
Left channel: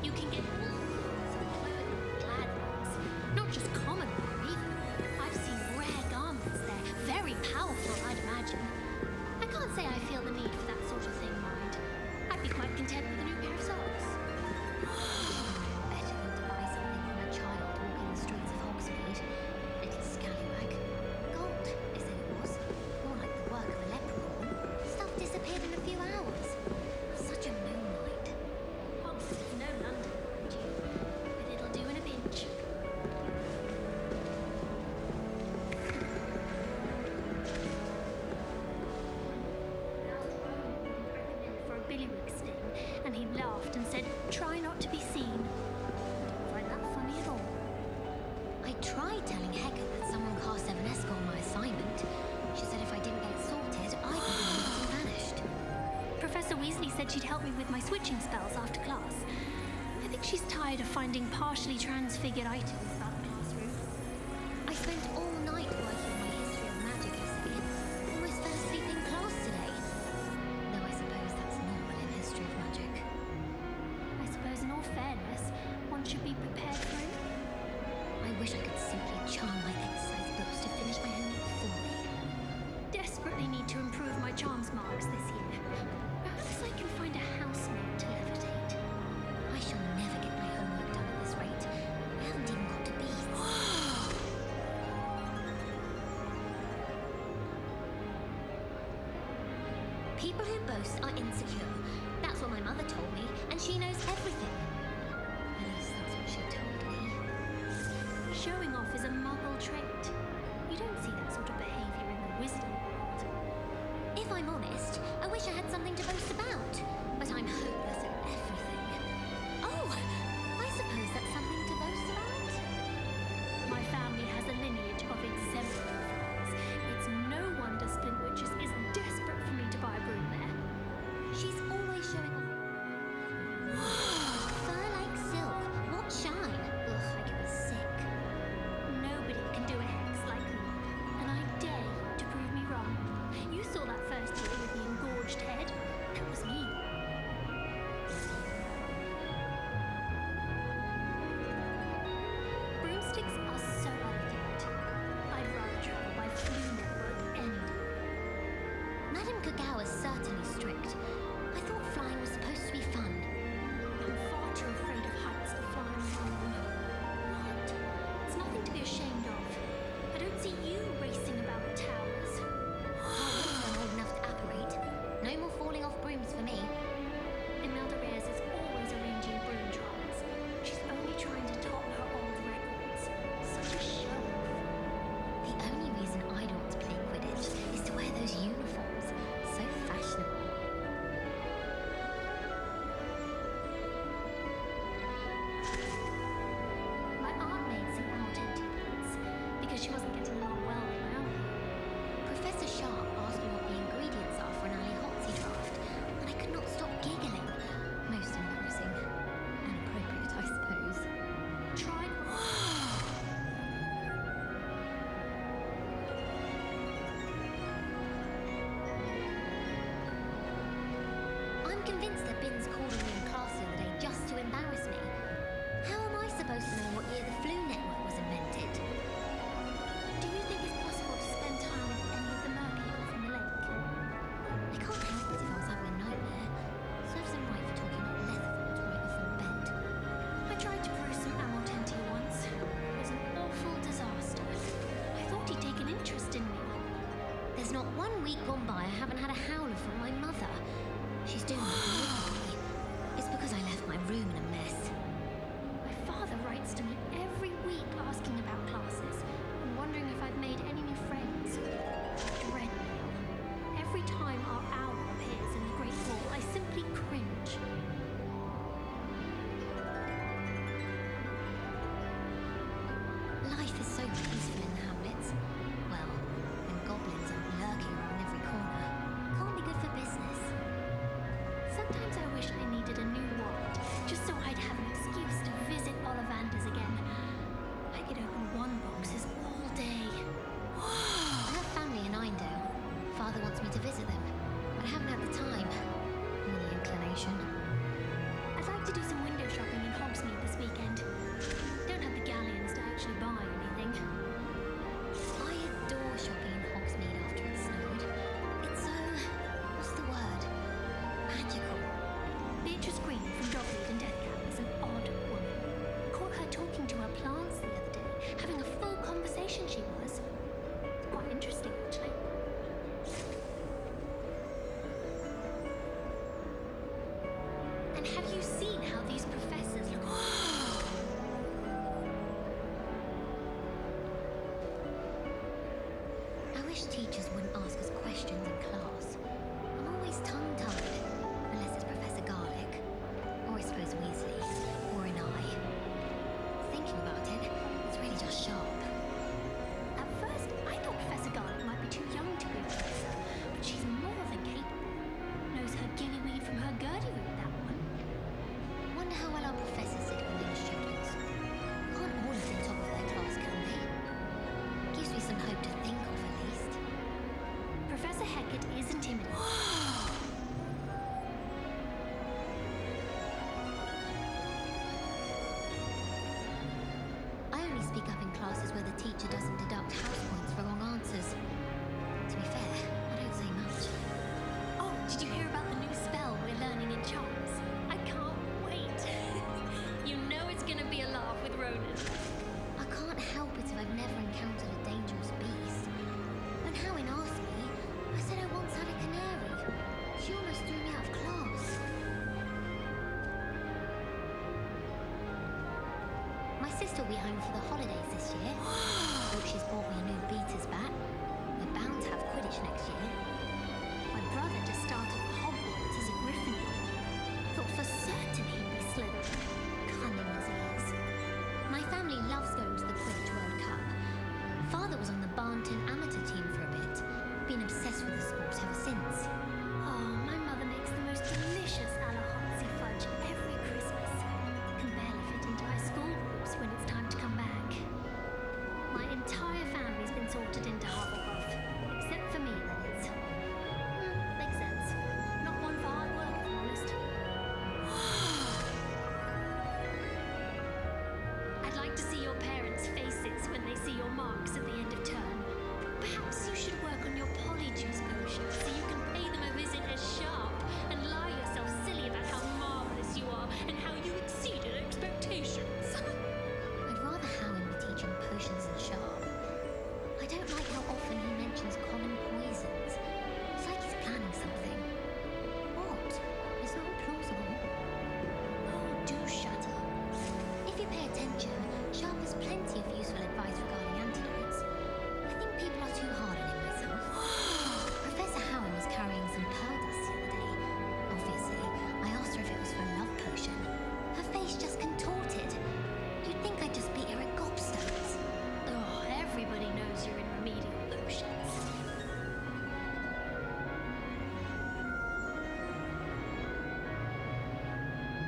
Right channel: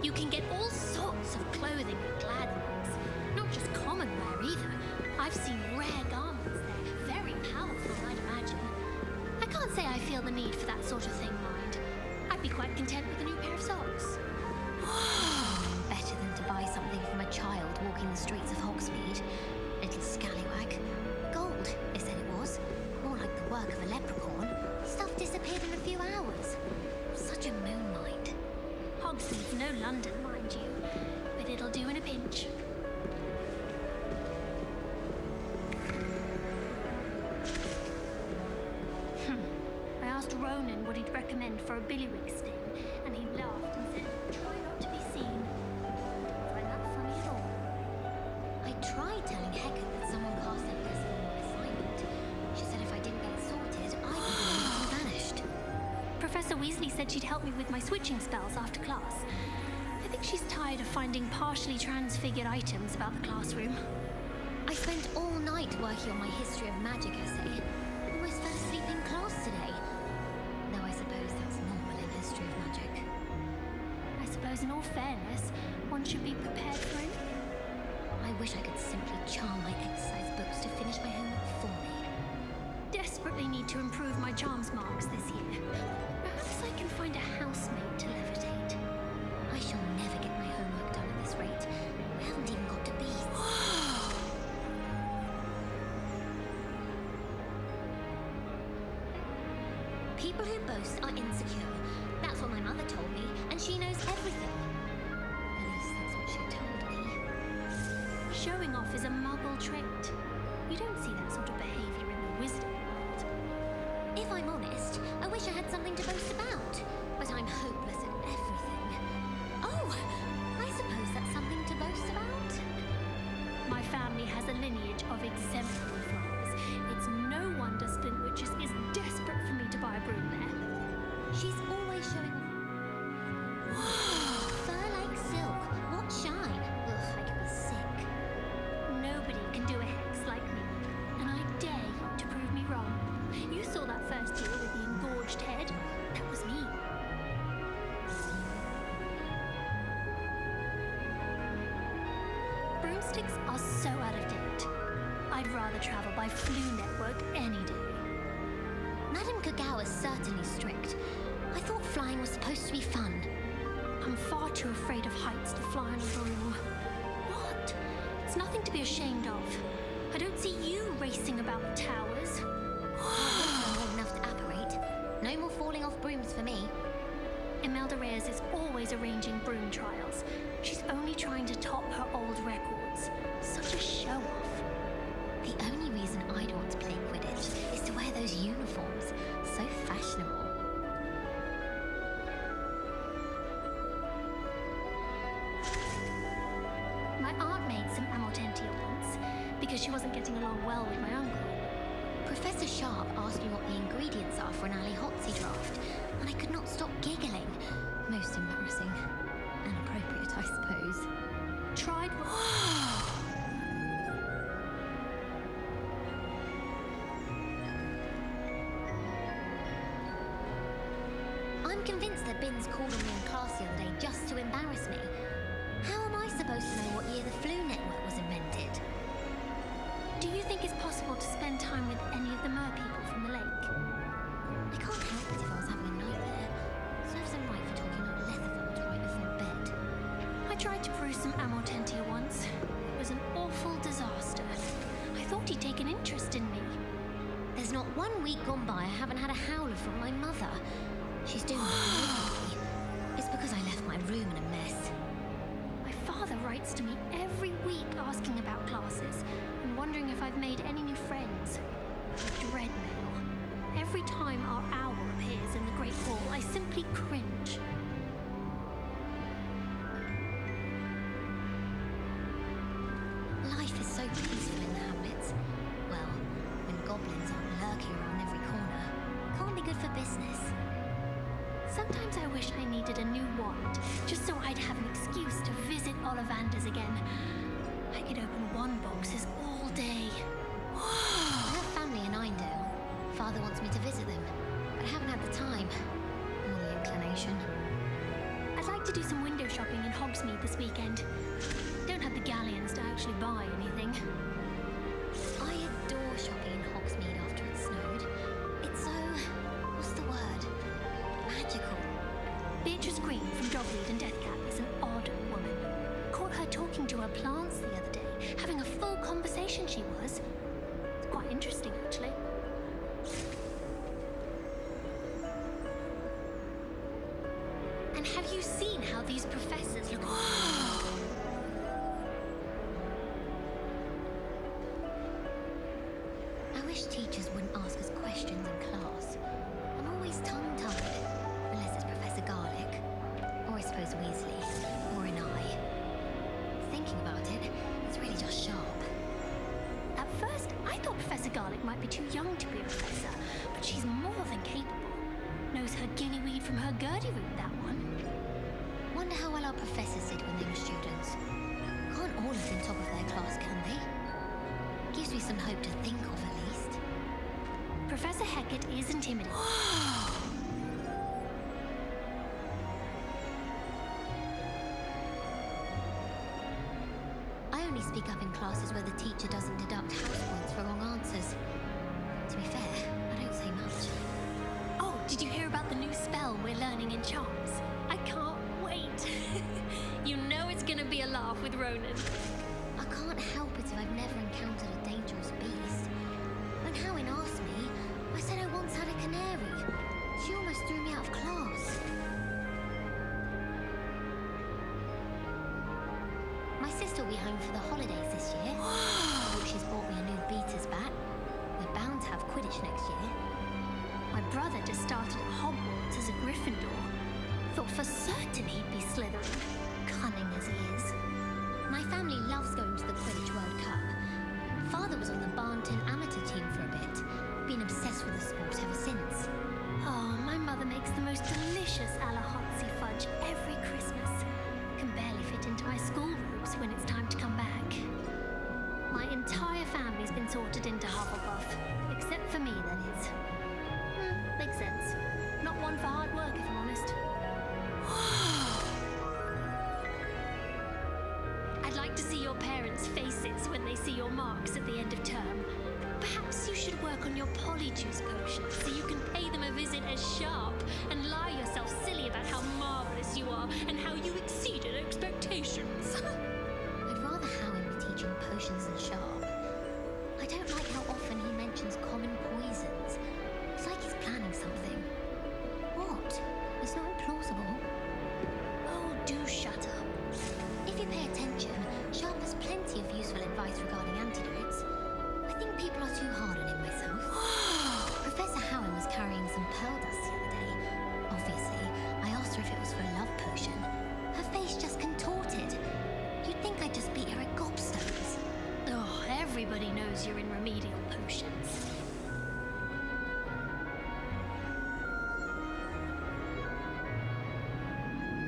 You can get all sorts of clothing at Gladwell's. Not just common wear either. I've seen rare garments there. Very powerful, I'd imagine. I can't say I feel the need for that sort of thing, mind. I'd be quite content with a new pair of socks. Better than to buy something from a child walking the streets of Hogsmeade. Little scallywag. Gold, they said it was. More like the work of a leprechaun. Stuff disappeared in a few hours. Such a moonlight. Hogsmeade's no London, mind you. But it'll do in a pinch. I asked Ronan what he'd recommend for a billywig sting, and he laughed and said, try not to be seen. Don't find that funny at all. I tried telling Hecate that someone cast Evanesco on my assignment. She said if I didn't get it sorted, I'd be the one who vanished. Professor Weasley said she'd help me with my switching spells after class. I think she's tired of finding partially transfigured items about the classroom. I spent all night working on my history of magic essay. Almost fell asleep in class today. Though I suppose that's normal in history of magic. I suppose in all fairness, one should be prepared for it. I wish I could simply charm my exercise books to finish my homework for me. Desperately need to improve my charms marks this year. Perhaps I can find a housemaid to levitate. I shall never get my homework done at this rate. I haven't even got to beasts. People who boast are insecure. That's what my mother told me, and she knows everything. At least that's what she told me. Showing off is a muggle trait. You don't see that sort of behavior in the wizarding world. If I'm honest, I wish I had something to boast about. But I'm hopeless at everything. Oh, I suppose that's something to boast about. My family has a lineage of exemplary flaws. It's no wonder Splintwitches is desperate for me to buy a broom there. She's always showing off. Fur like silk. What shine? Ugh, I get me sick. Nobody can do a hex like me, and I dare you to prove me wrong. You saw that first year with the engorged head. That was me. Broomsticks are so out of date. I'd rather travel by Flu Network any day. Madame Kagawa's certainly strict. I thought flying was supposed to be fun. I'm far too afraid of heights to fly on a broom. What? It's nothing to be ashamed of. I don't see you racing about the towers. I'm old enough to apparate. No more falling off brooms for me. Imelda Reyes is always arranging broom trials. She's only trying to top her old records. Such a show-off. The only reason I'd want to play Quidditch is to wear those uniforms. So fashionable. My aunt made some Amortentia once, because she wasn't getting along well with my uncle. Professor Sharp asked me what the ingredients are for an Ali Hotsy draft, and I could not stop giggling. Most embarrassing. And appropriate, I suppose. Tried. I'm I'm convinced that Binns called on me in class the other day just to embarrass me. How am I supposed to know what year the flu network was invented? Do you think it's possible to spend time with any of the merpeople from the lake? I can't help it if I was having a nightmare. Serves them right for talking about Letherfolds right before bed. I tried to brew some Amortentia once. It was an awful disaster. I thought he'd take an interest in me. There's not 1 week gone by I haven't had a howler from my mother. She's doing me. It's because I left my room in a mess. My father writes to me every week asking about classes and wondering if I've made any new friends. I dread mail. Every time our owl appears in the Great Hall, I simply cringe. Life is so peaceful in the hamlets. Well, when goblins aren't lurking around every corner. Can't be good for business. Sometimes I wish I needed a new wand, just so I'd have an excuse to visit Ollivanders again. I could open wand boxes all day. I have family in Eindale. Father wants me to visit them, but I haven't had the time. Or the inclination. I'd like to do some window shopping in Hogsmeade this weekend. Don't have the galleons to actually buy anything. I adore shopping in Hogsmeade after it snowed. It's so... what's the word? Magical. Beatrice Green from Dogweed and Deathcap is an odd woman. Caught her talking to her plants the other day, having a full conversation she was. It's quite interesting, actually. And have you seen how these professors look? I wish teachers wouldn't ask us questions in class. I'm always tongue-tied, unless it's Professor Garlick, or I suppose Weasley, or an eye. Thinking about it, it's really just sharp. At first, I thought Professor Garlick might be too young to be a professor, but she's more than capable. Knows her gillyweed from her gurdy-root, that one. Wonder how well our professors did when they were students. Can't all have been top of their class, can they? Gives me some hope to think of, at least. Professor Hecat is intimidating. I only speak up in classes where the teacher doesn't deduct house points for wrong answers. To be fair, I don't say much. Oh, did you hear about the new spell we're learning in Charms? I can't wait. You know it's gonna be a laugh with Ronan. I can't help it if I've never encountered a dangerous beast. When Howin asked me, I said I once had a canary. She almost threw me out of class. My sister will be home for the holidays this year. Hope she's bought me a new beater's bat. We're bound to have Quidditch next year. My brother just started at Hogwarts as a Gryffindor. Thought for certain he'd be Slytherin, cunning as he is. My family loves going to the Quidditch World Cup. Father was on the Barnton amateur team for a bit. Been obsessed with the sport ever since. Oh, my mother makes the most delicious Alahotsy fudge every Christmas. Can barely fit into my school robes when it's time to come back. My entire family's been sorted into Hufflepuff. Except for me, that is. Makes sense. Not one for hard work, if I'm honest. I'd like to see your parents' faces when they see your marks at the end of term. Perhaps you should work on your polyjuice potion so you can pay them a visit as Sharp and lie yourself silly about how marvelous you are and how you exceeded expectations. I'd rather Howin be teaching potions than Sharp. I don't like how often he mentions common poisons. It's like he's planning something. What? It's not implausible. Oh, do shut up. If you pay attention, Sharp has plenty of useful advice regarding antidotes. I think people are too hard on him myself. Professor Howin was carrying some pearl dust the other day. Obviously, I asked her if it was for a love potion. Her face just contorted. You'd think I'd just beat her at gobstones. Oh, everybody knows you're in remedial potions.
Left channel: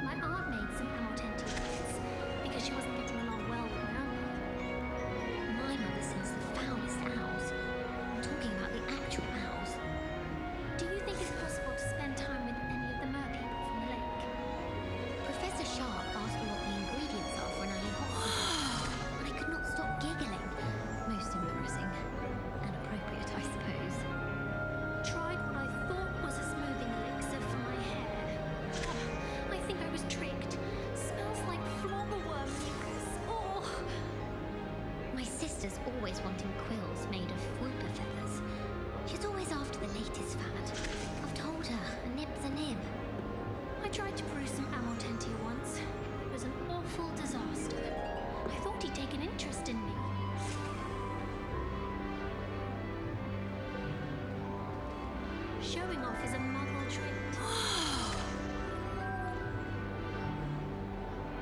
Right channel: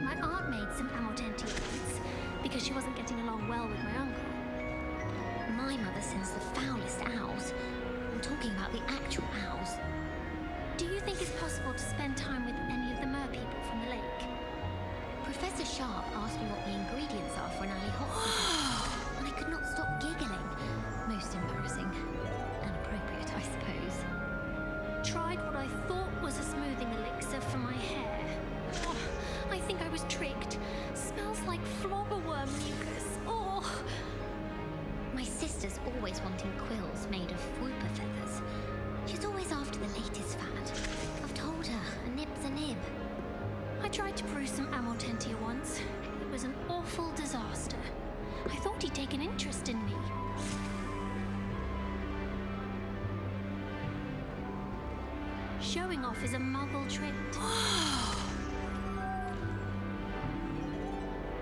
My aunt made some Amortentia oats because she wasn't getting along well with my uncle. My mother sends the foulest owls. I'm talking about the actual owls. Do you think it's possible to spend time with any of the merpeople Professor Sharp asked me what the ingredients are for an alley hot and I could not stop giggling. Most embarrassing. And appropriate, I suppose. Tried what I thought was a smoothing elixir for my hair. Oh, I think I was tricked. Smells like flobberworm mucus. Oh! My sister's always wanting quills made of whooper feathers. She's always after the latest fad. I've told her, a nib's a nib. I tried to brew some Amortentia once. It was an awful disaster. I thought he'd take an interest in me. Showing off is a muggle trait.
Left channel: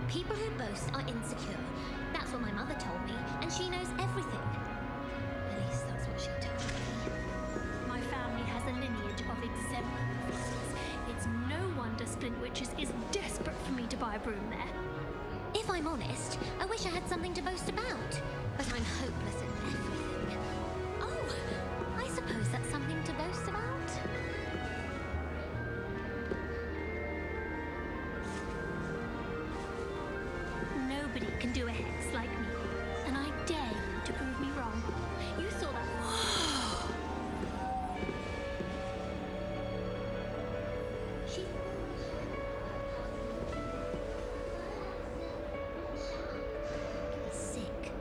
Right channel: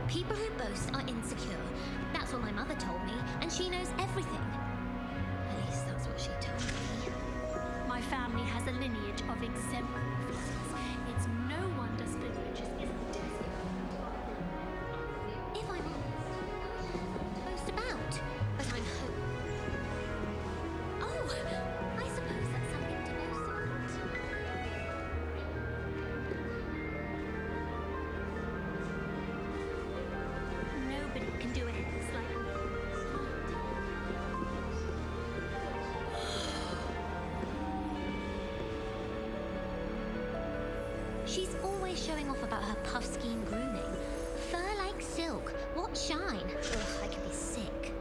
People who boast are insecure. That's what my mother told me, and she knows everything. At least that's what she told me. My family has a lineage of exemplary fathers. It's no wonder Splintwitches is desperate for me to buy a broom there. If I'm honest, I wish I had something to boast about, but I'm hopeless at everything. Oh, I suppose that's something to boast about. Nobody can do a hex like me, and I dare you to prove me wrong. You thought... She's always showing off about her puff-skiing grooming. Fur like silk. What shine? Ugh, I could be sick.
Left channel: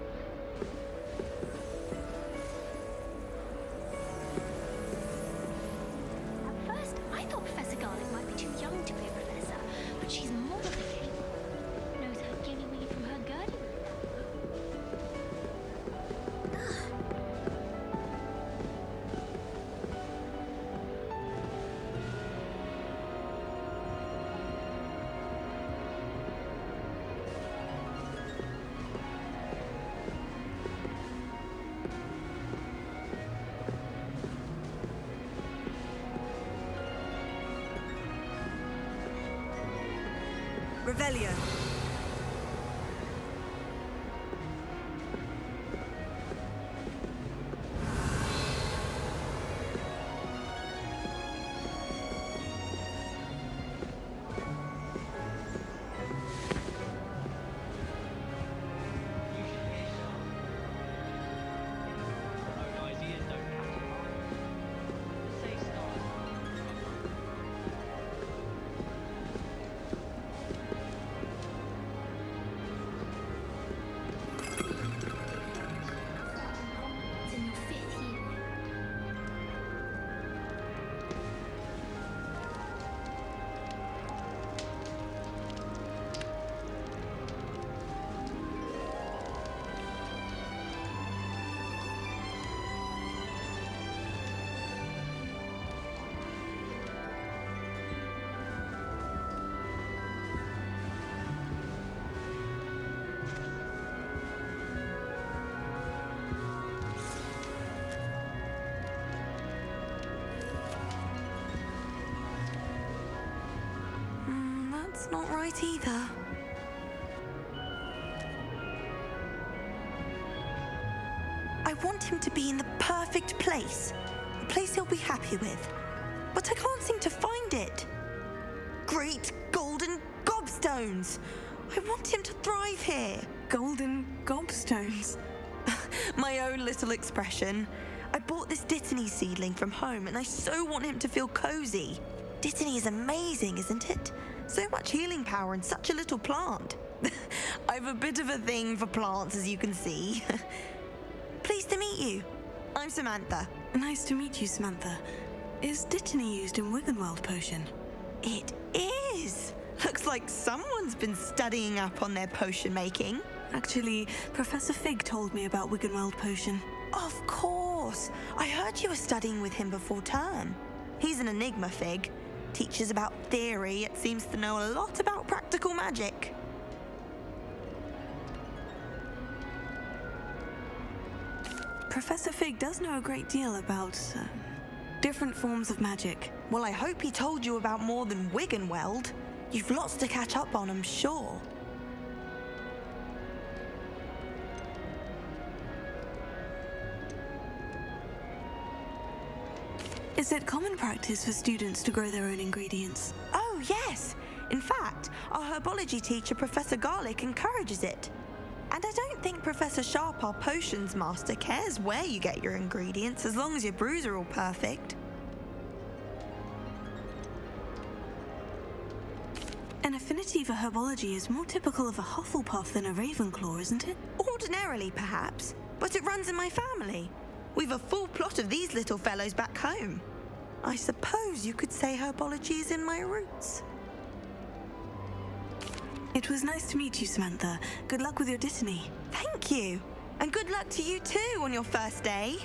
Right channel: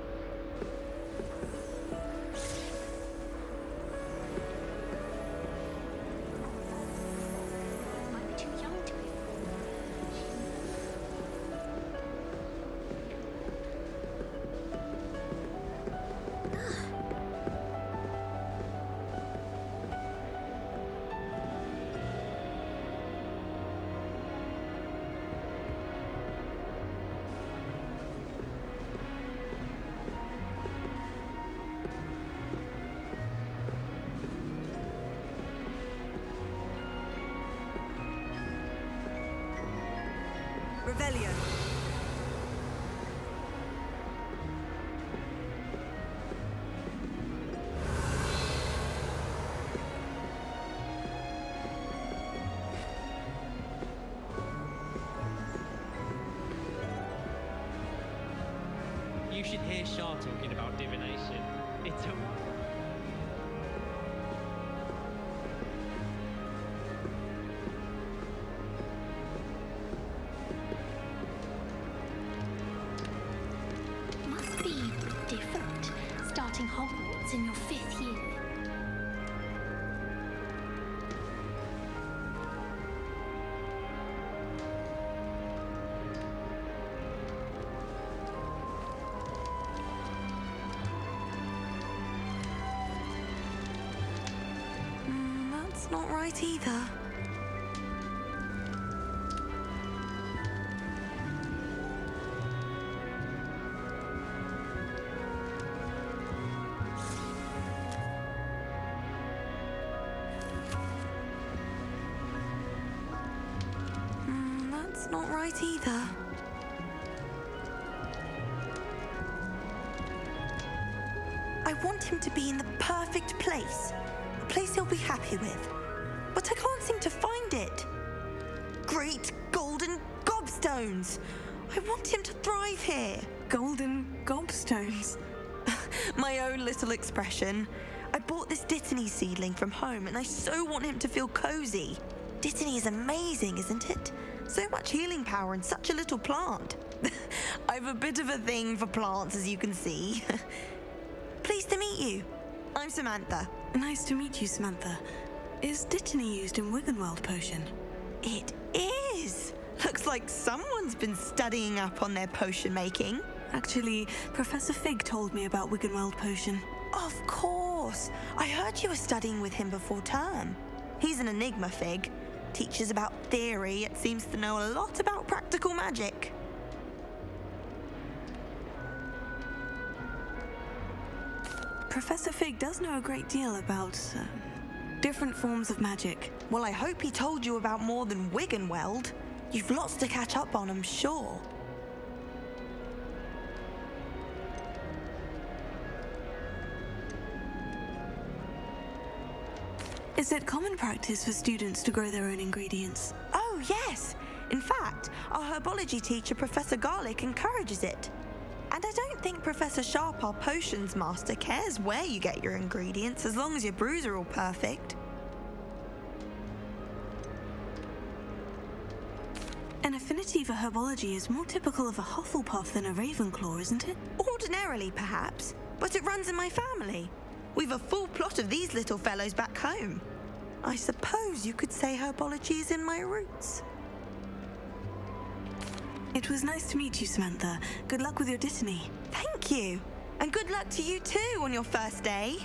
At first, I thought Professor Garlic might be too young to be a professor, but she's more than capable. Knows how to giggle me from her gut. Revelio. You should hear Shah talking about divination. It's a wonder her ideas don't come Be different. Starting Hogwarts in your 5th year. That's not right either. That's not right either. I want him to be in the perfect place. A place he'll be happy with. But I can't seem to find it. Great golden gobstones! I want him to thrive here. Golden gobstones? My own little expression. I bought this Dittany seedling from home and I so want him to feel cozy. Dittany is amazing, isn't it? So much healing power in such a little plant. I've a bit of a thing for plants, as you can see. Pleased to meet you. I'm Samantha. Nice to meet you, Samantha. Is Dittany used in Wiggenweld potion? It is! Looks like someone's been studying up on their potion making. Actually, Professor Fig told me about Wiggenweld potion. Of course! I heard you were studying with him before term. He's an enigma, Fig. Teaches about theory, yet seems to know a lot about practical magic. Professor Fig does know a great deal about different forms of magic. Well, I hope he told you about more than Wiggenweld. You've lots to catch up on, I'm sure. Is it common practice for students to grow their own ingredients? Oh, yes. In fact, our herbology teacher, Professor Garlick, encourages it. And I don't think Professor Sharp, our potions master, cares where you get your ingredients as long as your brews are all perfect. An affinity for herbology is more typical of a Hufflepuff than a Ravenclaw, isn't it? Ordinarily, perhaps, but it runs in my family. We've a full plot of these little fellows back home. I suppose you could say herbology is in my roots. It was nice to meet you, Samantha. Good luck with your dittany. Thank you. And good luck to you too on your first day.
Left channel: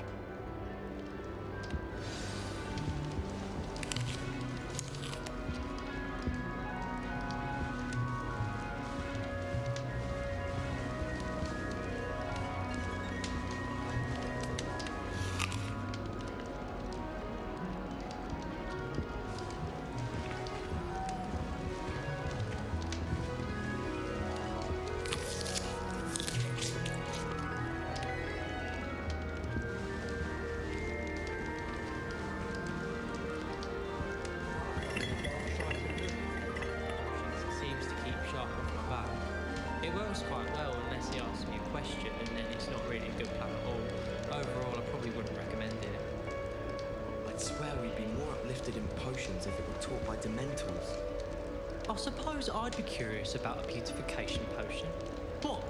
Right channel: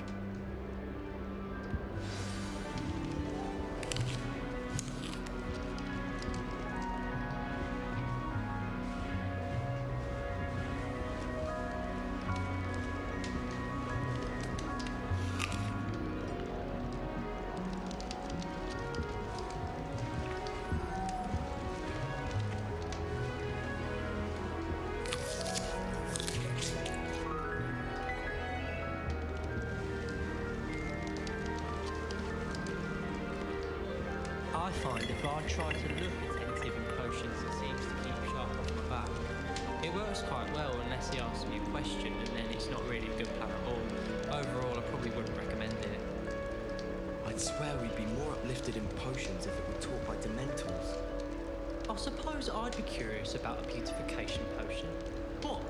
It works quite well unless he asks me a question, and then it's not really a good plan at all. Overall, I probably wouldn't recommend it. I'd swear we'd be more uplifted in potions if it were taught by Dementors. I suppose I'd be curious about a beautification potion. What?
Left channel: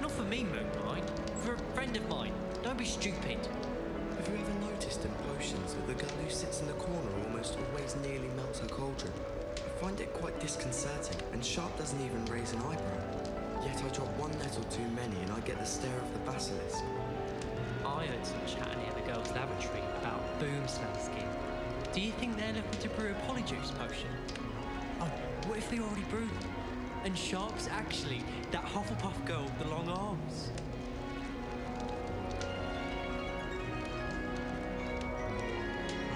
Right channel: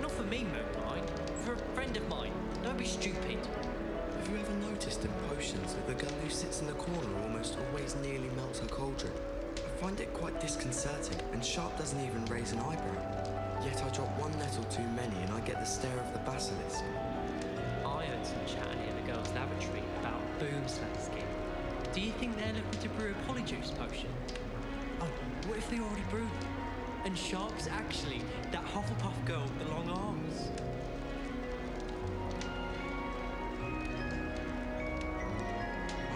Not for me, Moonlight. For a friend of mine. Don't be stupid. Have you ever noticed in potions that the girl who sits in the corner almost always nearly melts her cauldron? I find it quite disconcerting, and Sharp doesn't even raise an eyebrow. Yet I drop one nettle too many and I get the stare of the basilisk. I heard some chat near the girls' lavatory about boomslayer skin. Do you think they're looking to brew a polyjuice potion? Oh, what if they already brewed them? And Sharp's actually that Hufflepuff girl with the long arms?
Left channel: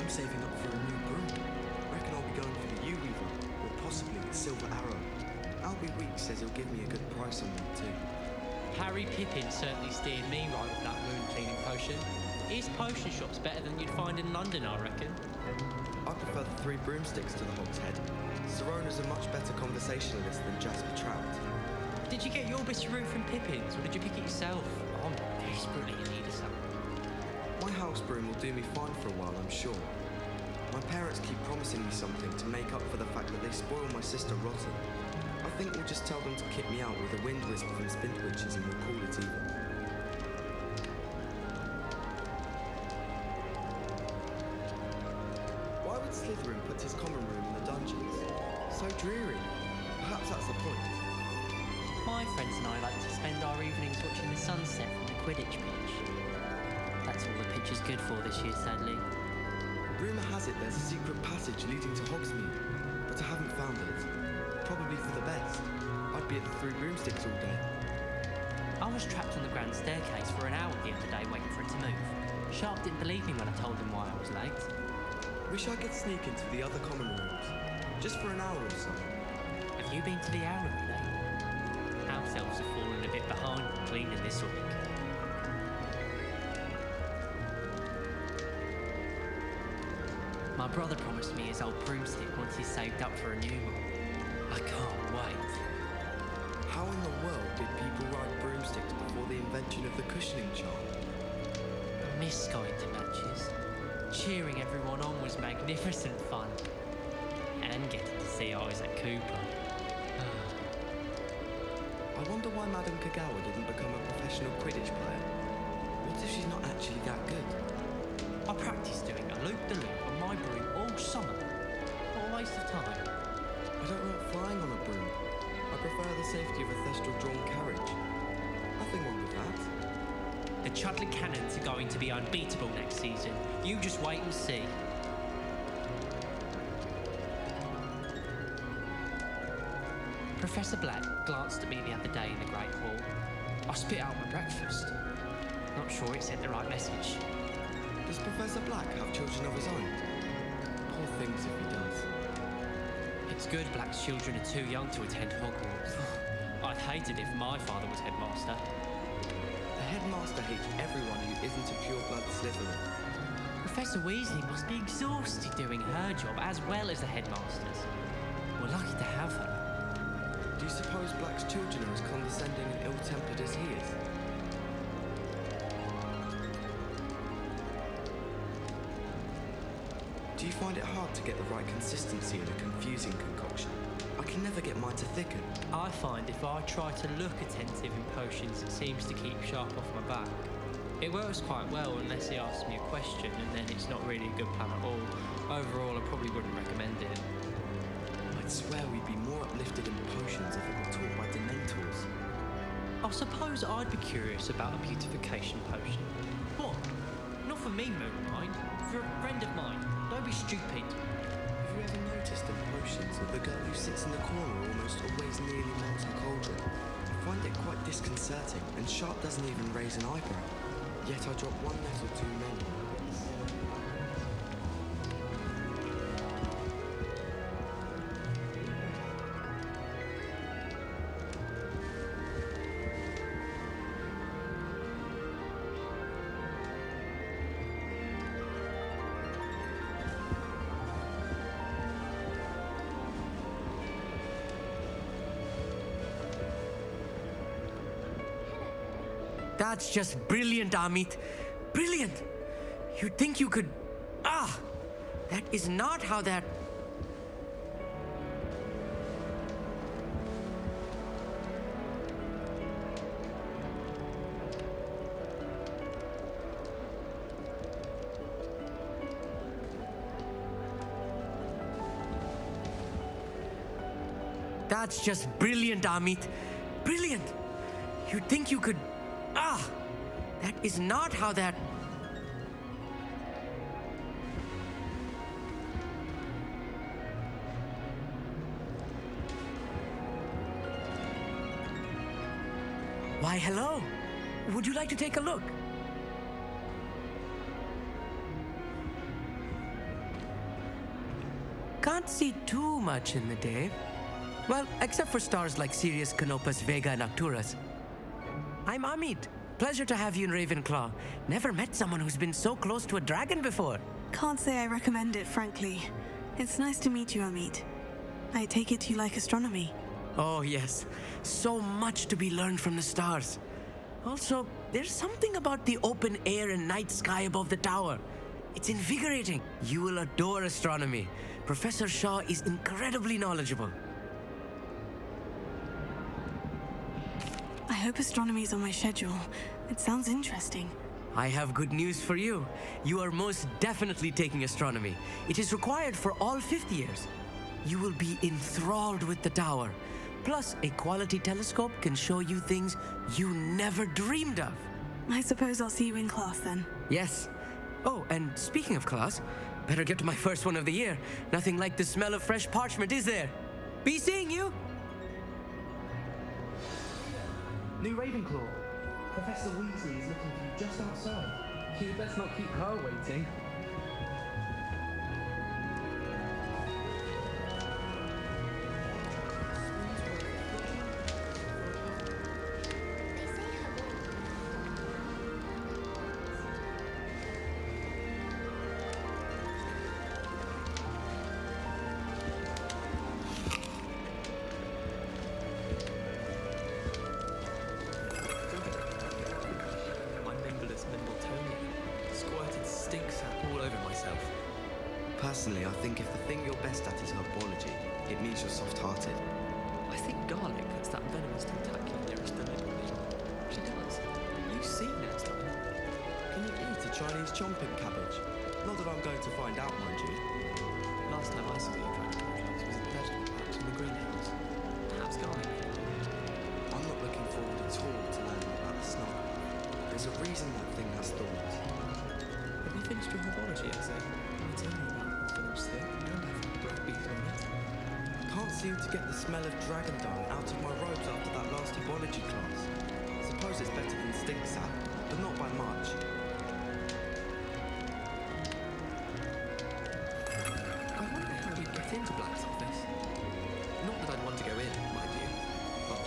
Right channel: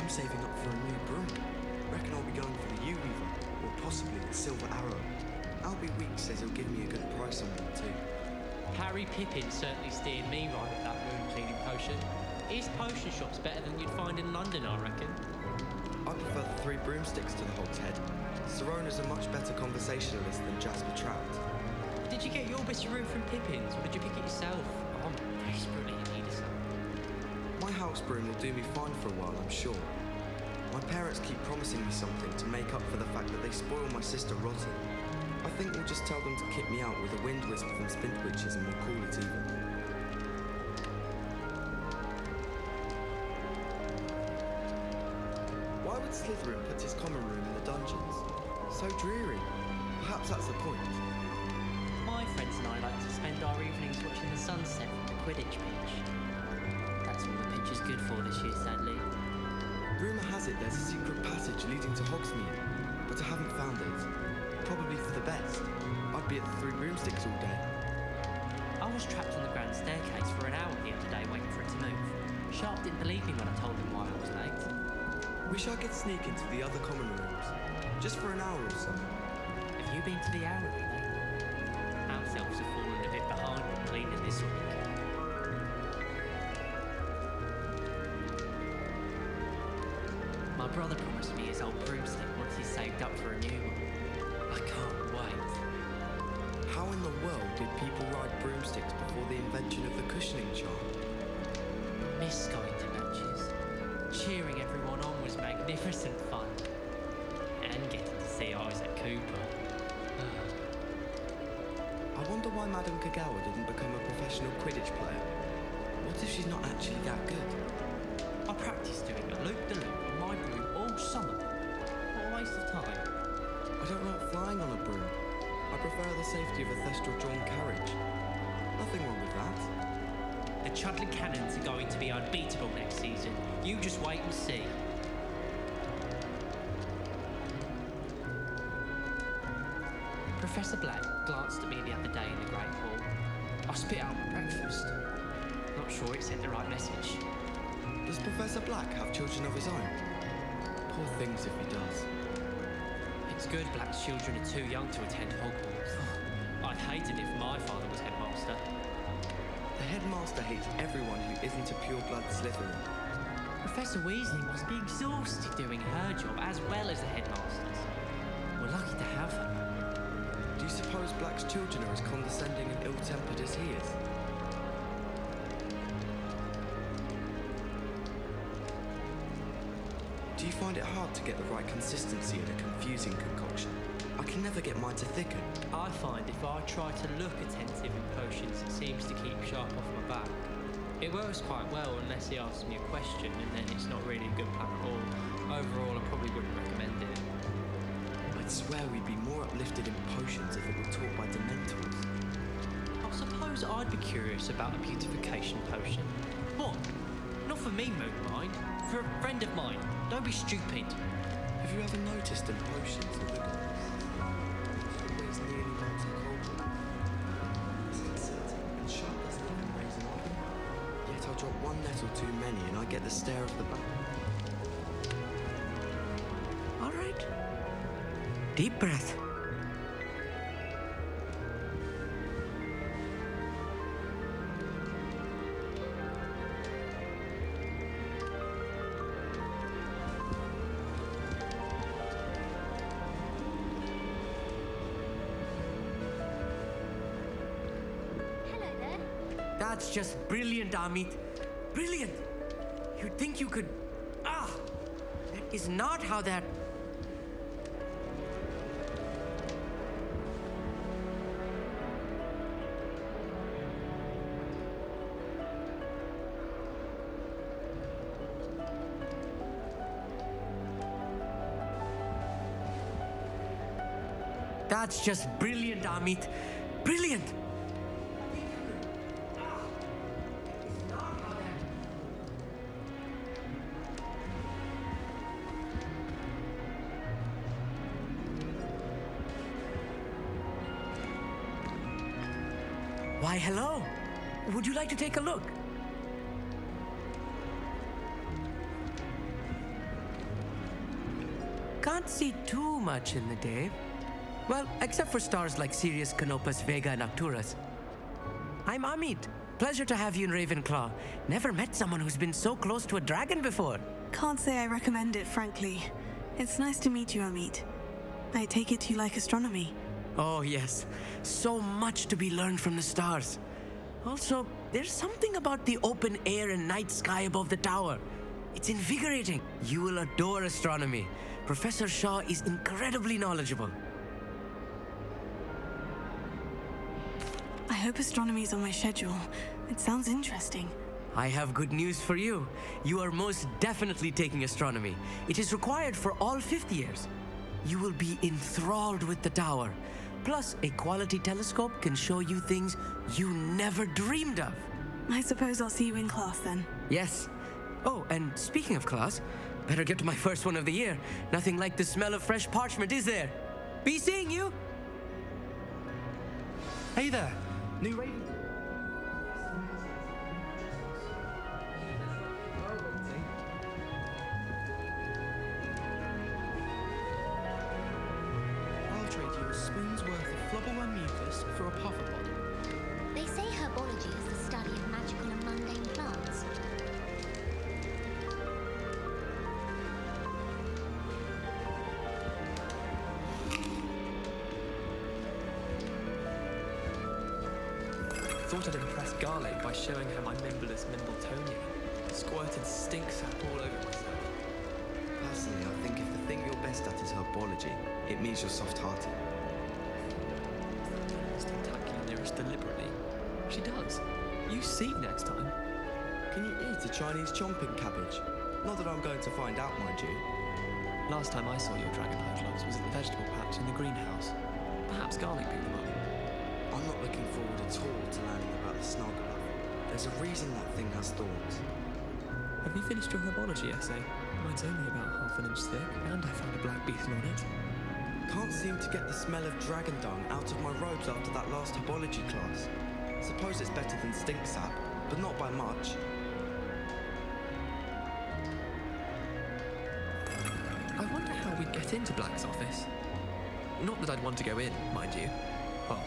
I'm saving up for a new broom. Reckon I'll be going for the U-Weaver, or possibly the Silver Arrow. Albie Weeks says he'll give me a good price on one too. Harry Pippin certainly steered me right with that wound cleaning potion. His potion shop's better than you'd find in London, I reckon. I prefer the 3 broomsticks to the Hog's Head. Sirona's a much better conversationalist than Jasper Trout. Did you get your bit of root from Pippin's, or did you pick it yourself? I'm desperately in need of some. My house broom will do me fine for a while, I'm sure. My parents keep promising me something to make up for the fact that they spoil my sister rotten. I think we'll just tell them to kick me out with a wind wisp from Spintwitches and we'll call it even. Why would Slytherin put his common room in the dungeons? So dreary. Perhaps that's the point. My friends and I like to spend our evenings watching the sunset from the Quidditch pitch. That's all the pitch is good for this year, sadly. Rumour has it there's a secret passage leading to Hogsmeade, but I haven't found it. Probably for the best. I'd be at the 3 broomsticks all day. I was trapped on the grand staircase for an hour the other day waiting for it to move. Sharp didn't believe me when I told him why I was late. Wish I could sneak into the other common rooms. Just for an hour or so. Have you been to the owlery lately? House elves have fallen a bit behind cleaning this week. My brother promised me his old broomstick once he's saved up for a new one. I can't wait. How in the world did people ride broomsticks before the invention of the cushioning charm? I miss going to matches. Cheering everyone on was magnificent fun. And getting to see Isaac Cooper. I wonder why Madame Kagawa didn't become a professional Quidditch player. What if she's not actually that good? I practiced doing a loop-de-loop on my broom all summer. What a waste of time. I don't like flying on a broom. I prefer the safety of a thestral-drawn carriage. Nothing wrong with that. The Chudley Cannons are going to be unbeatable next season. You just wait and see. Professor Black glanced at me the other day in the Great Hall. I spit out my breakfast. Not sure it sent the right message. Does Professor Black have children of his own? Poor things if he does. It's good Black's children are too young to attend Hogwarts. I'd hate it if my father was headmaster. The headmaster hates everyone who isn't a pure-blood Slytherin. Professor Weasley must be exhausted doing her job as well as the headmaster's. We're lucky to have her. Do you suppose Black's children are as condescending and ill-tempered as he is? Do you find it hard to get the right consistency in a confusing concoction? I can never get mine to thicken. I find if I try to look attentive in potions, it seems to keep Sharp off my back. It works quite well unless he asks me a question, and then it's not really a good plan at all. Overall, I probably wouldn't recommend it. I'd swear we'd be more uplifted in potions if it were taught by Dementors. I suppose I'd be curious about a beautification potion. What? Not for me, Moonlight. For a friend of mine. Don't be stupid. Have you ever noticed in potions that the girl who sits in the corner almost always nearly melts her cauldron? I find it quite disconcerting, and Sharp doesn't even raise an eyebrow. Yet I drop one nettle too many and I get the stare of the back. All right. Deep breath. That's just brilliant, Amit. Brilliant! You'd think you could... that is not how that... That's just brilliant, Amit. Brilliant! You'd think you could... that is not how that... Why, hello. Would you like to take a look? Can't see too much in the day. Well, except for stars like Sirius, Canopus, Vega, and Arcturus. I'm Amit. Pleasure to have you in Ravenclaw. Never met someone who's been so close to a dragon before. Can't say I recommend it, frankly. It's nice to meet you, Amit. I take it you like astronomy. Oh, yes. So much to be learned from the stars. Also, there's something about the open air and night sky above the tower. It's invigorating. You will adore astronomy. Professor Shaw is incredibly knowledgeable. I hope astronomy's on my schedule. It sounds interesting. I have good news for you. You are most definitely taking astronomy. It is required for all fifth years. You will be enthralled with the tower. Plus, a quality telescope can show you things you never dreamed of. I suppose I'll see you in class then. Yes. Oh, and speaking of class, better get to my first one of the year. Nothing like the smell of fresh parchment, is there? Be seeing you! Hey there! New Ravenclaw. Professor Weasley is looking for you just outside. Let's not keep her waiting. I'll trade you a spoon's worth of flubberman mucus for a puffer. They say herbology is the study of magical and mundane plants. Thought I'd impress Garlic by showing her my Mimbleless Mimbletonia. Squirted stink sap all over myself. Personally, I think if the thing you're best at is herbology, it means you're soft-hearted. I think Garlic puts that venomous tentacular nearest deliberately. She does. You see next time. Can you eat a Chinese chomping cabbage? Not that I'm going to find out, mind you. Last time I saw your dragonfly gloves was at the vegetable patch in the greenhouse. Perhaps Garlic picked them up. I'm not looking forward at all to learning about the Snargabuff. There's a reason that thing has thorns. Have you finished your herbology essay? Mine's only about half an inch thick, and I found a black beetle on it. Can't seem to get the smell of dragon dung out of my robes after that last herbology class. Suppose it's better than stink sap, but not by much. I wonder how we'd get into Black's office. Not that I'd want to go in, mind you. Well,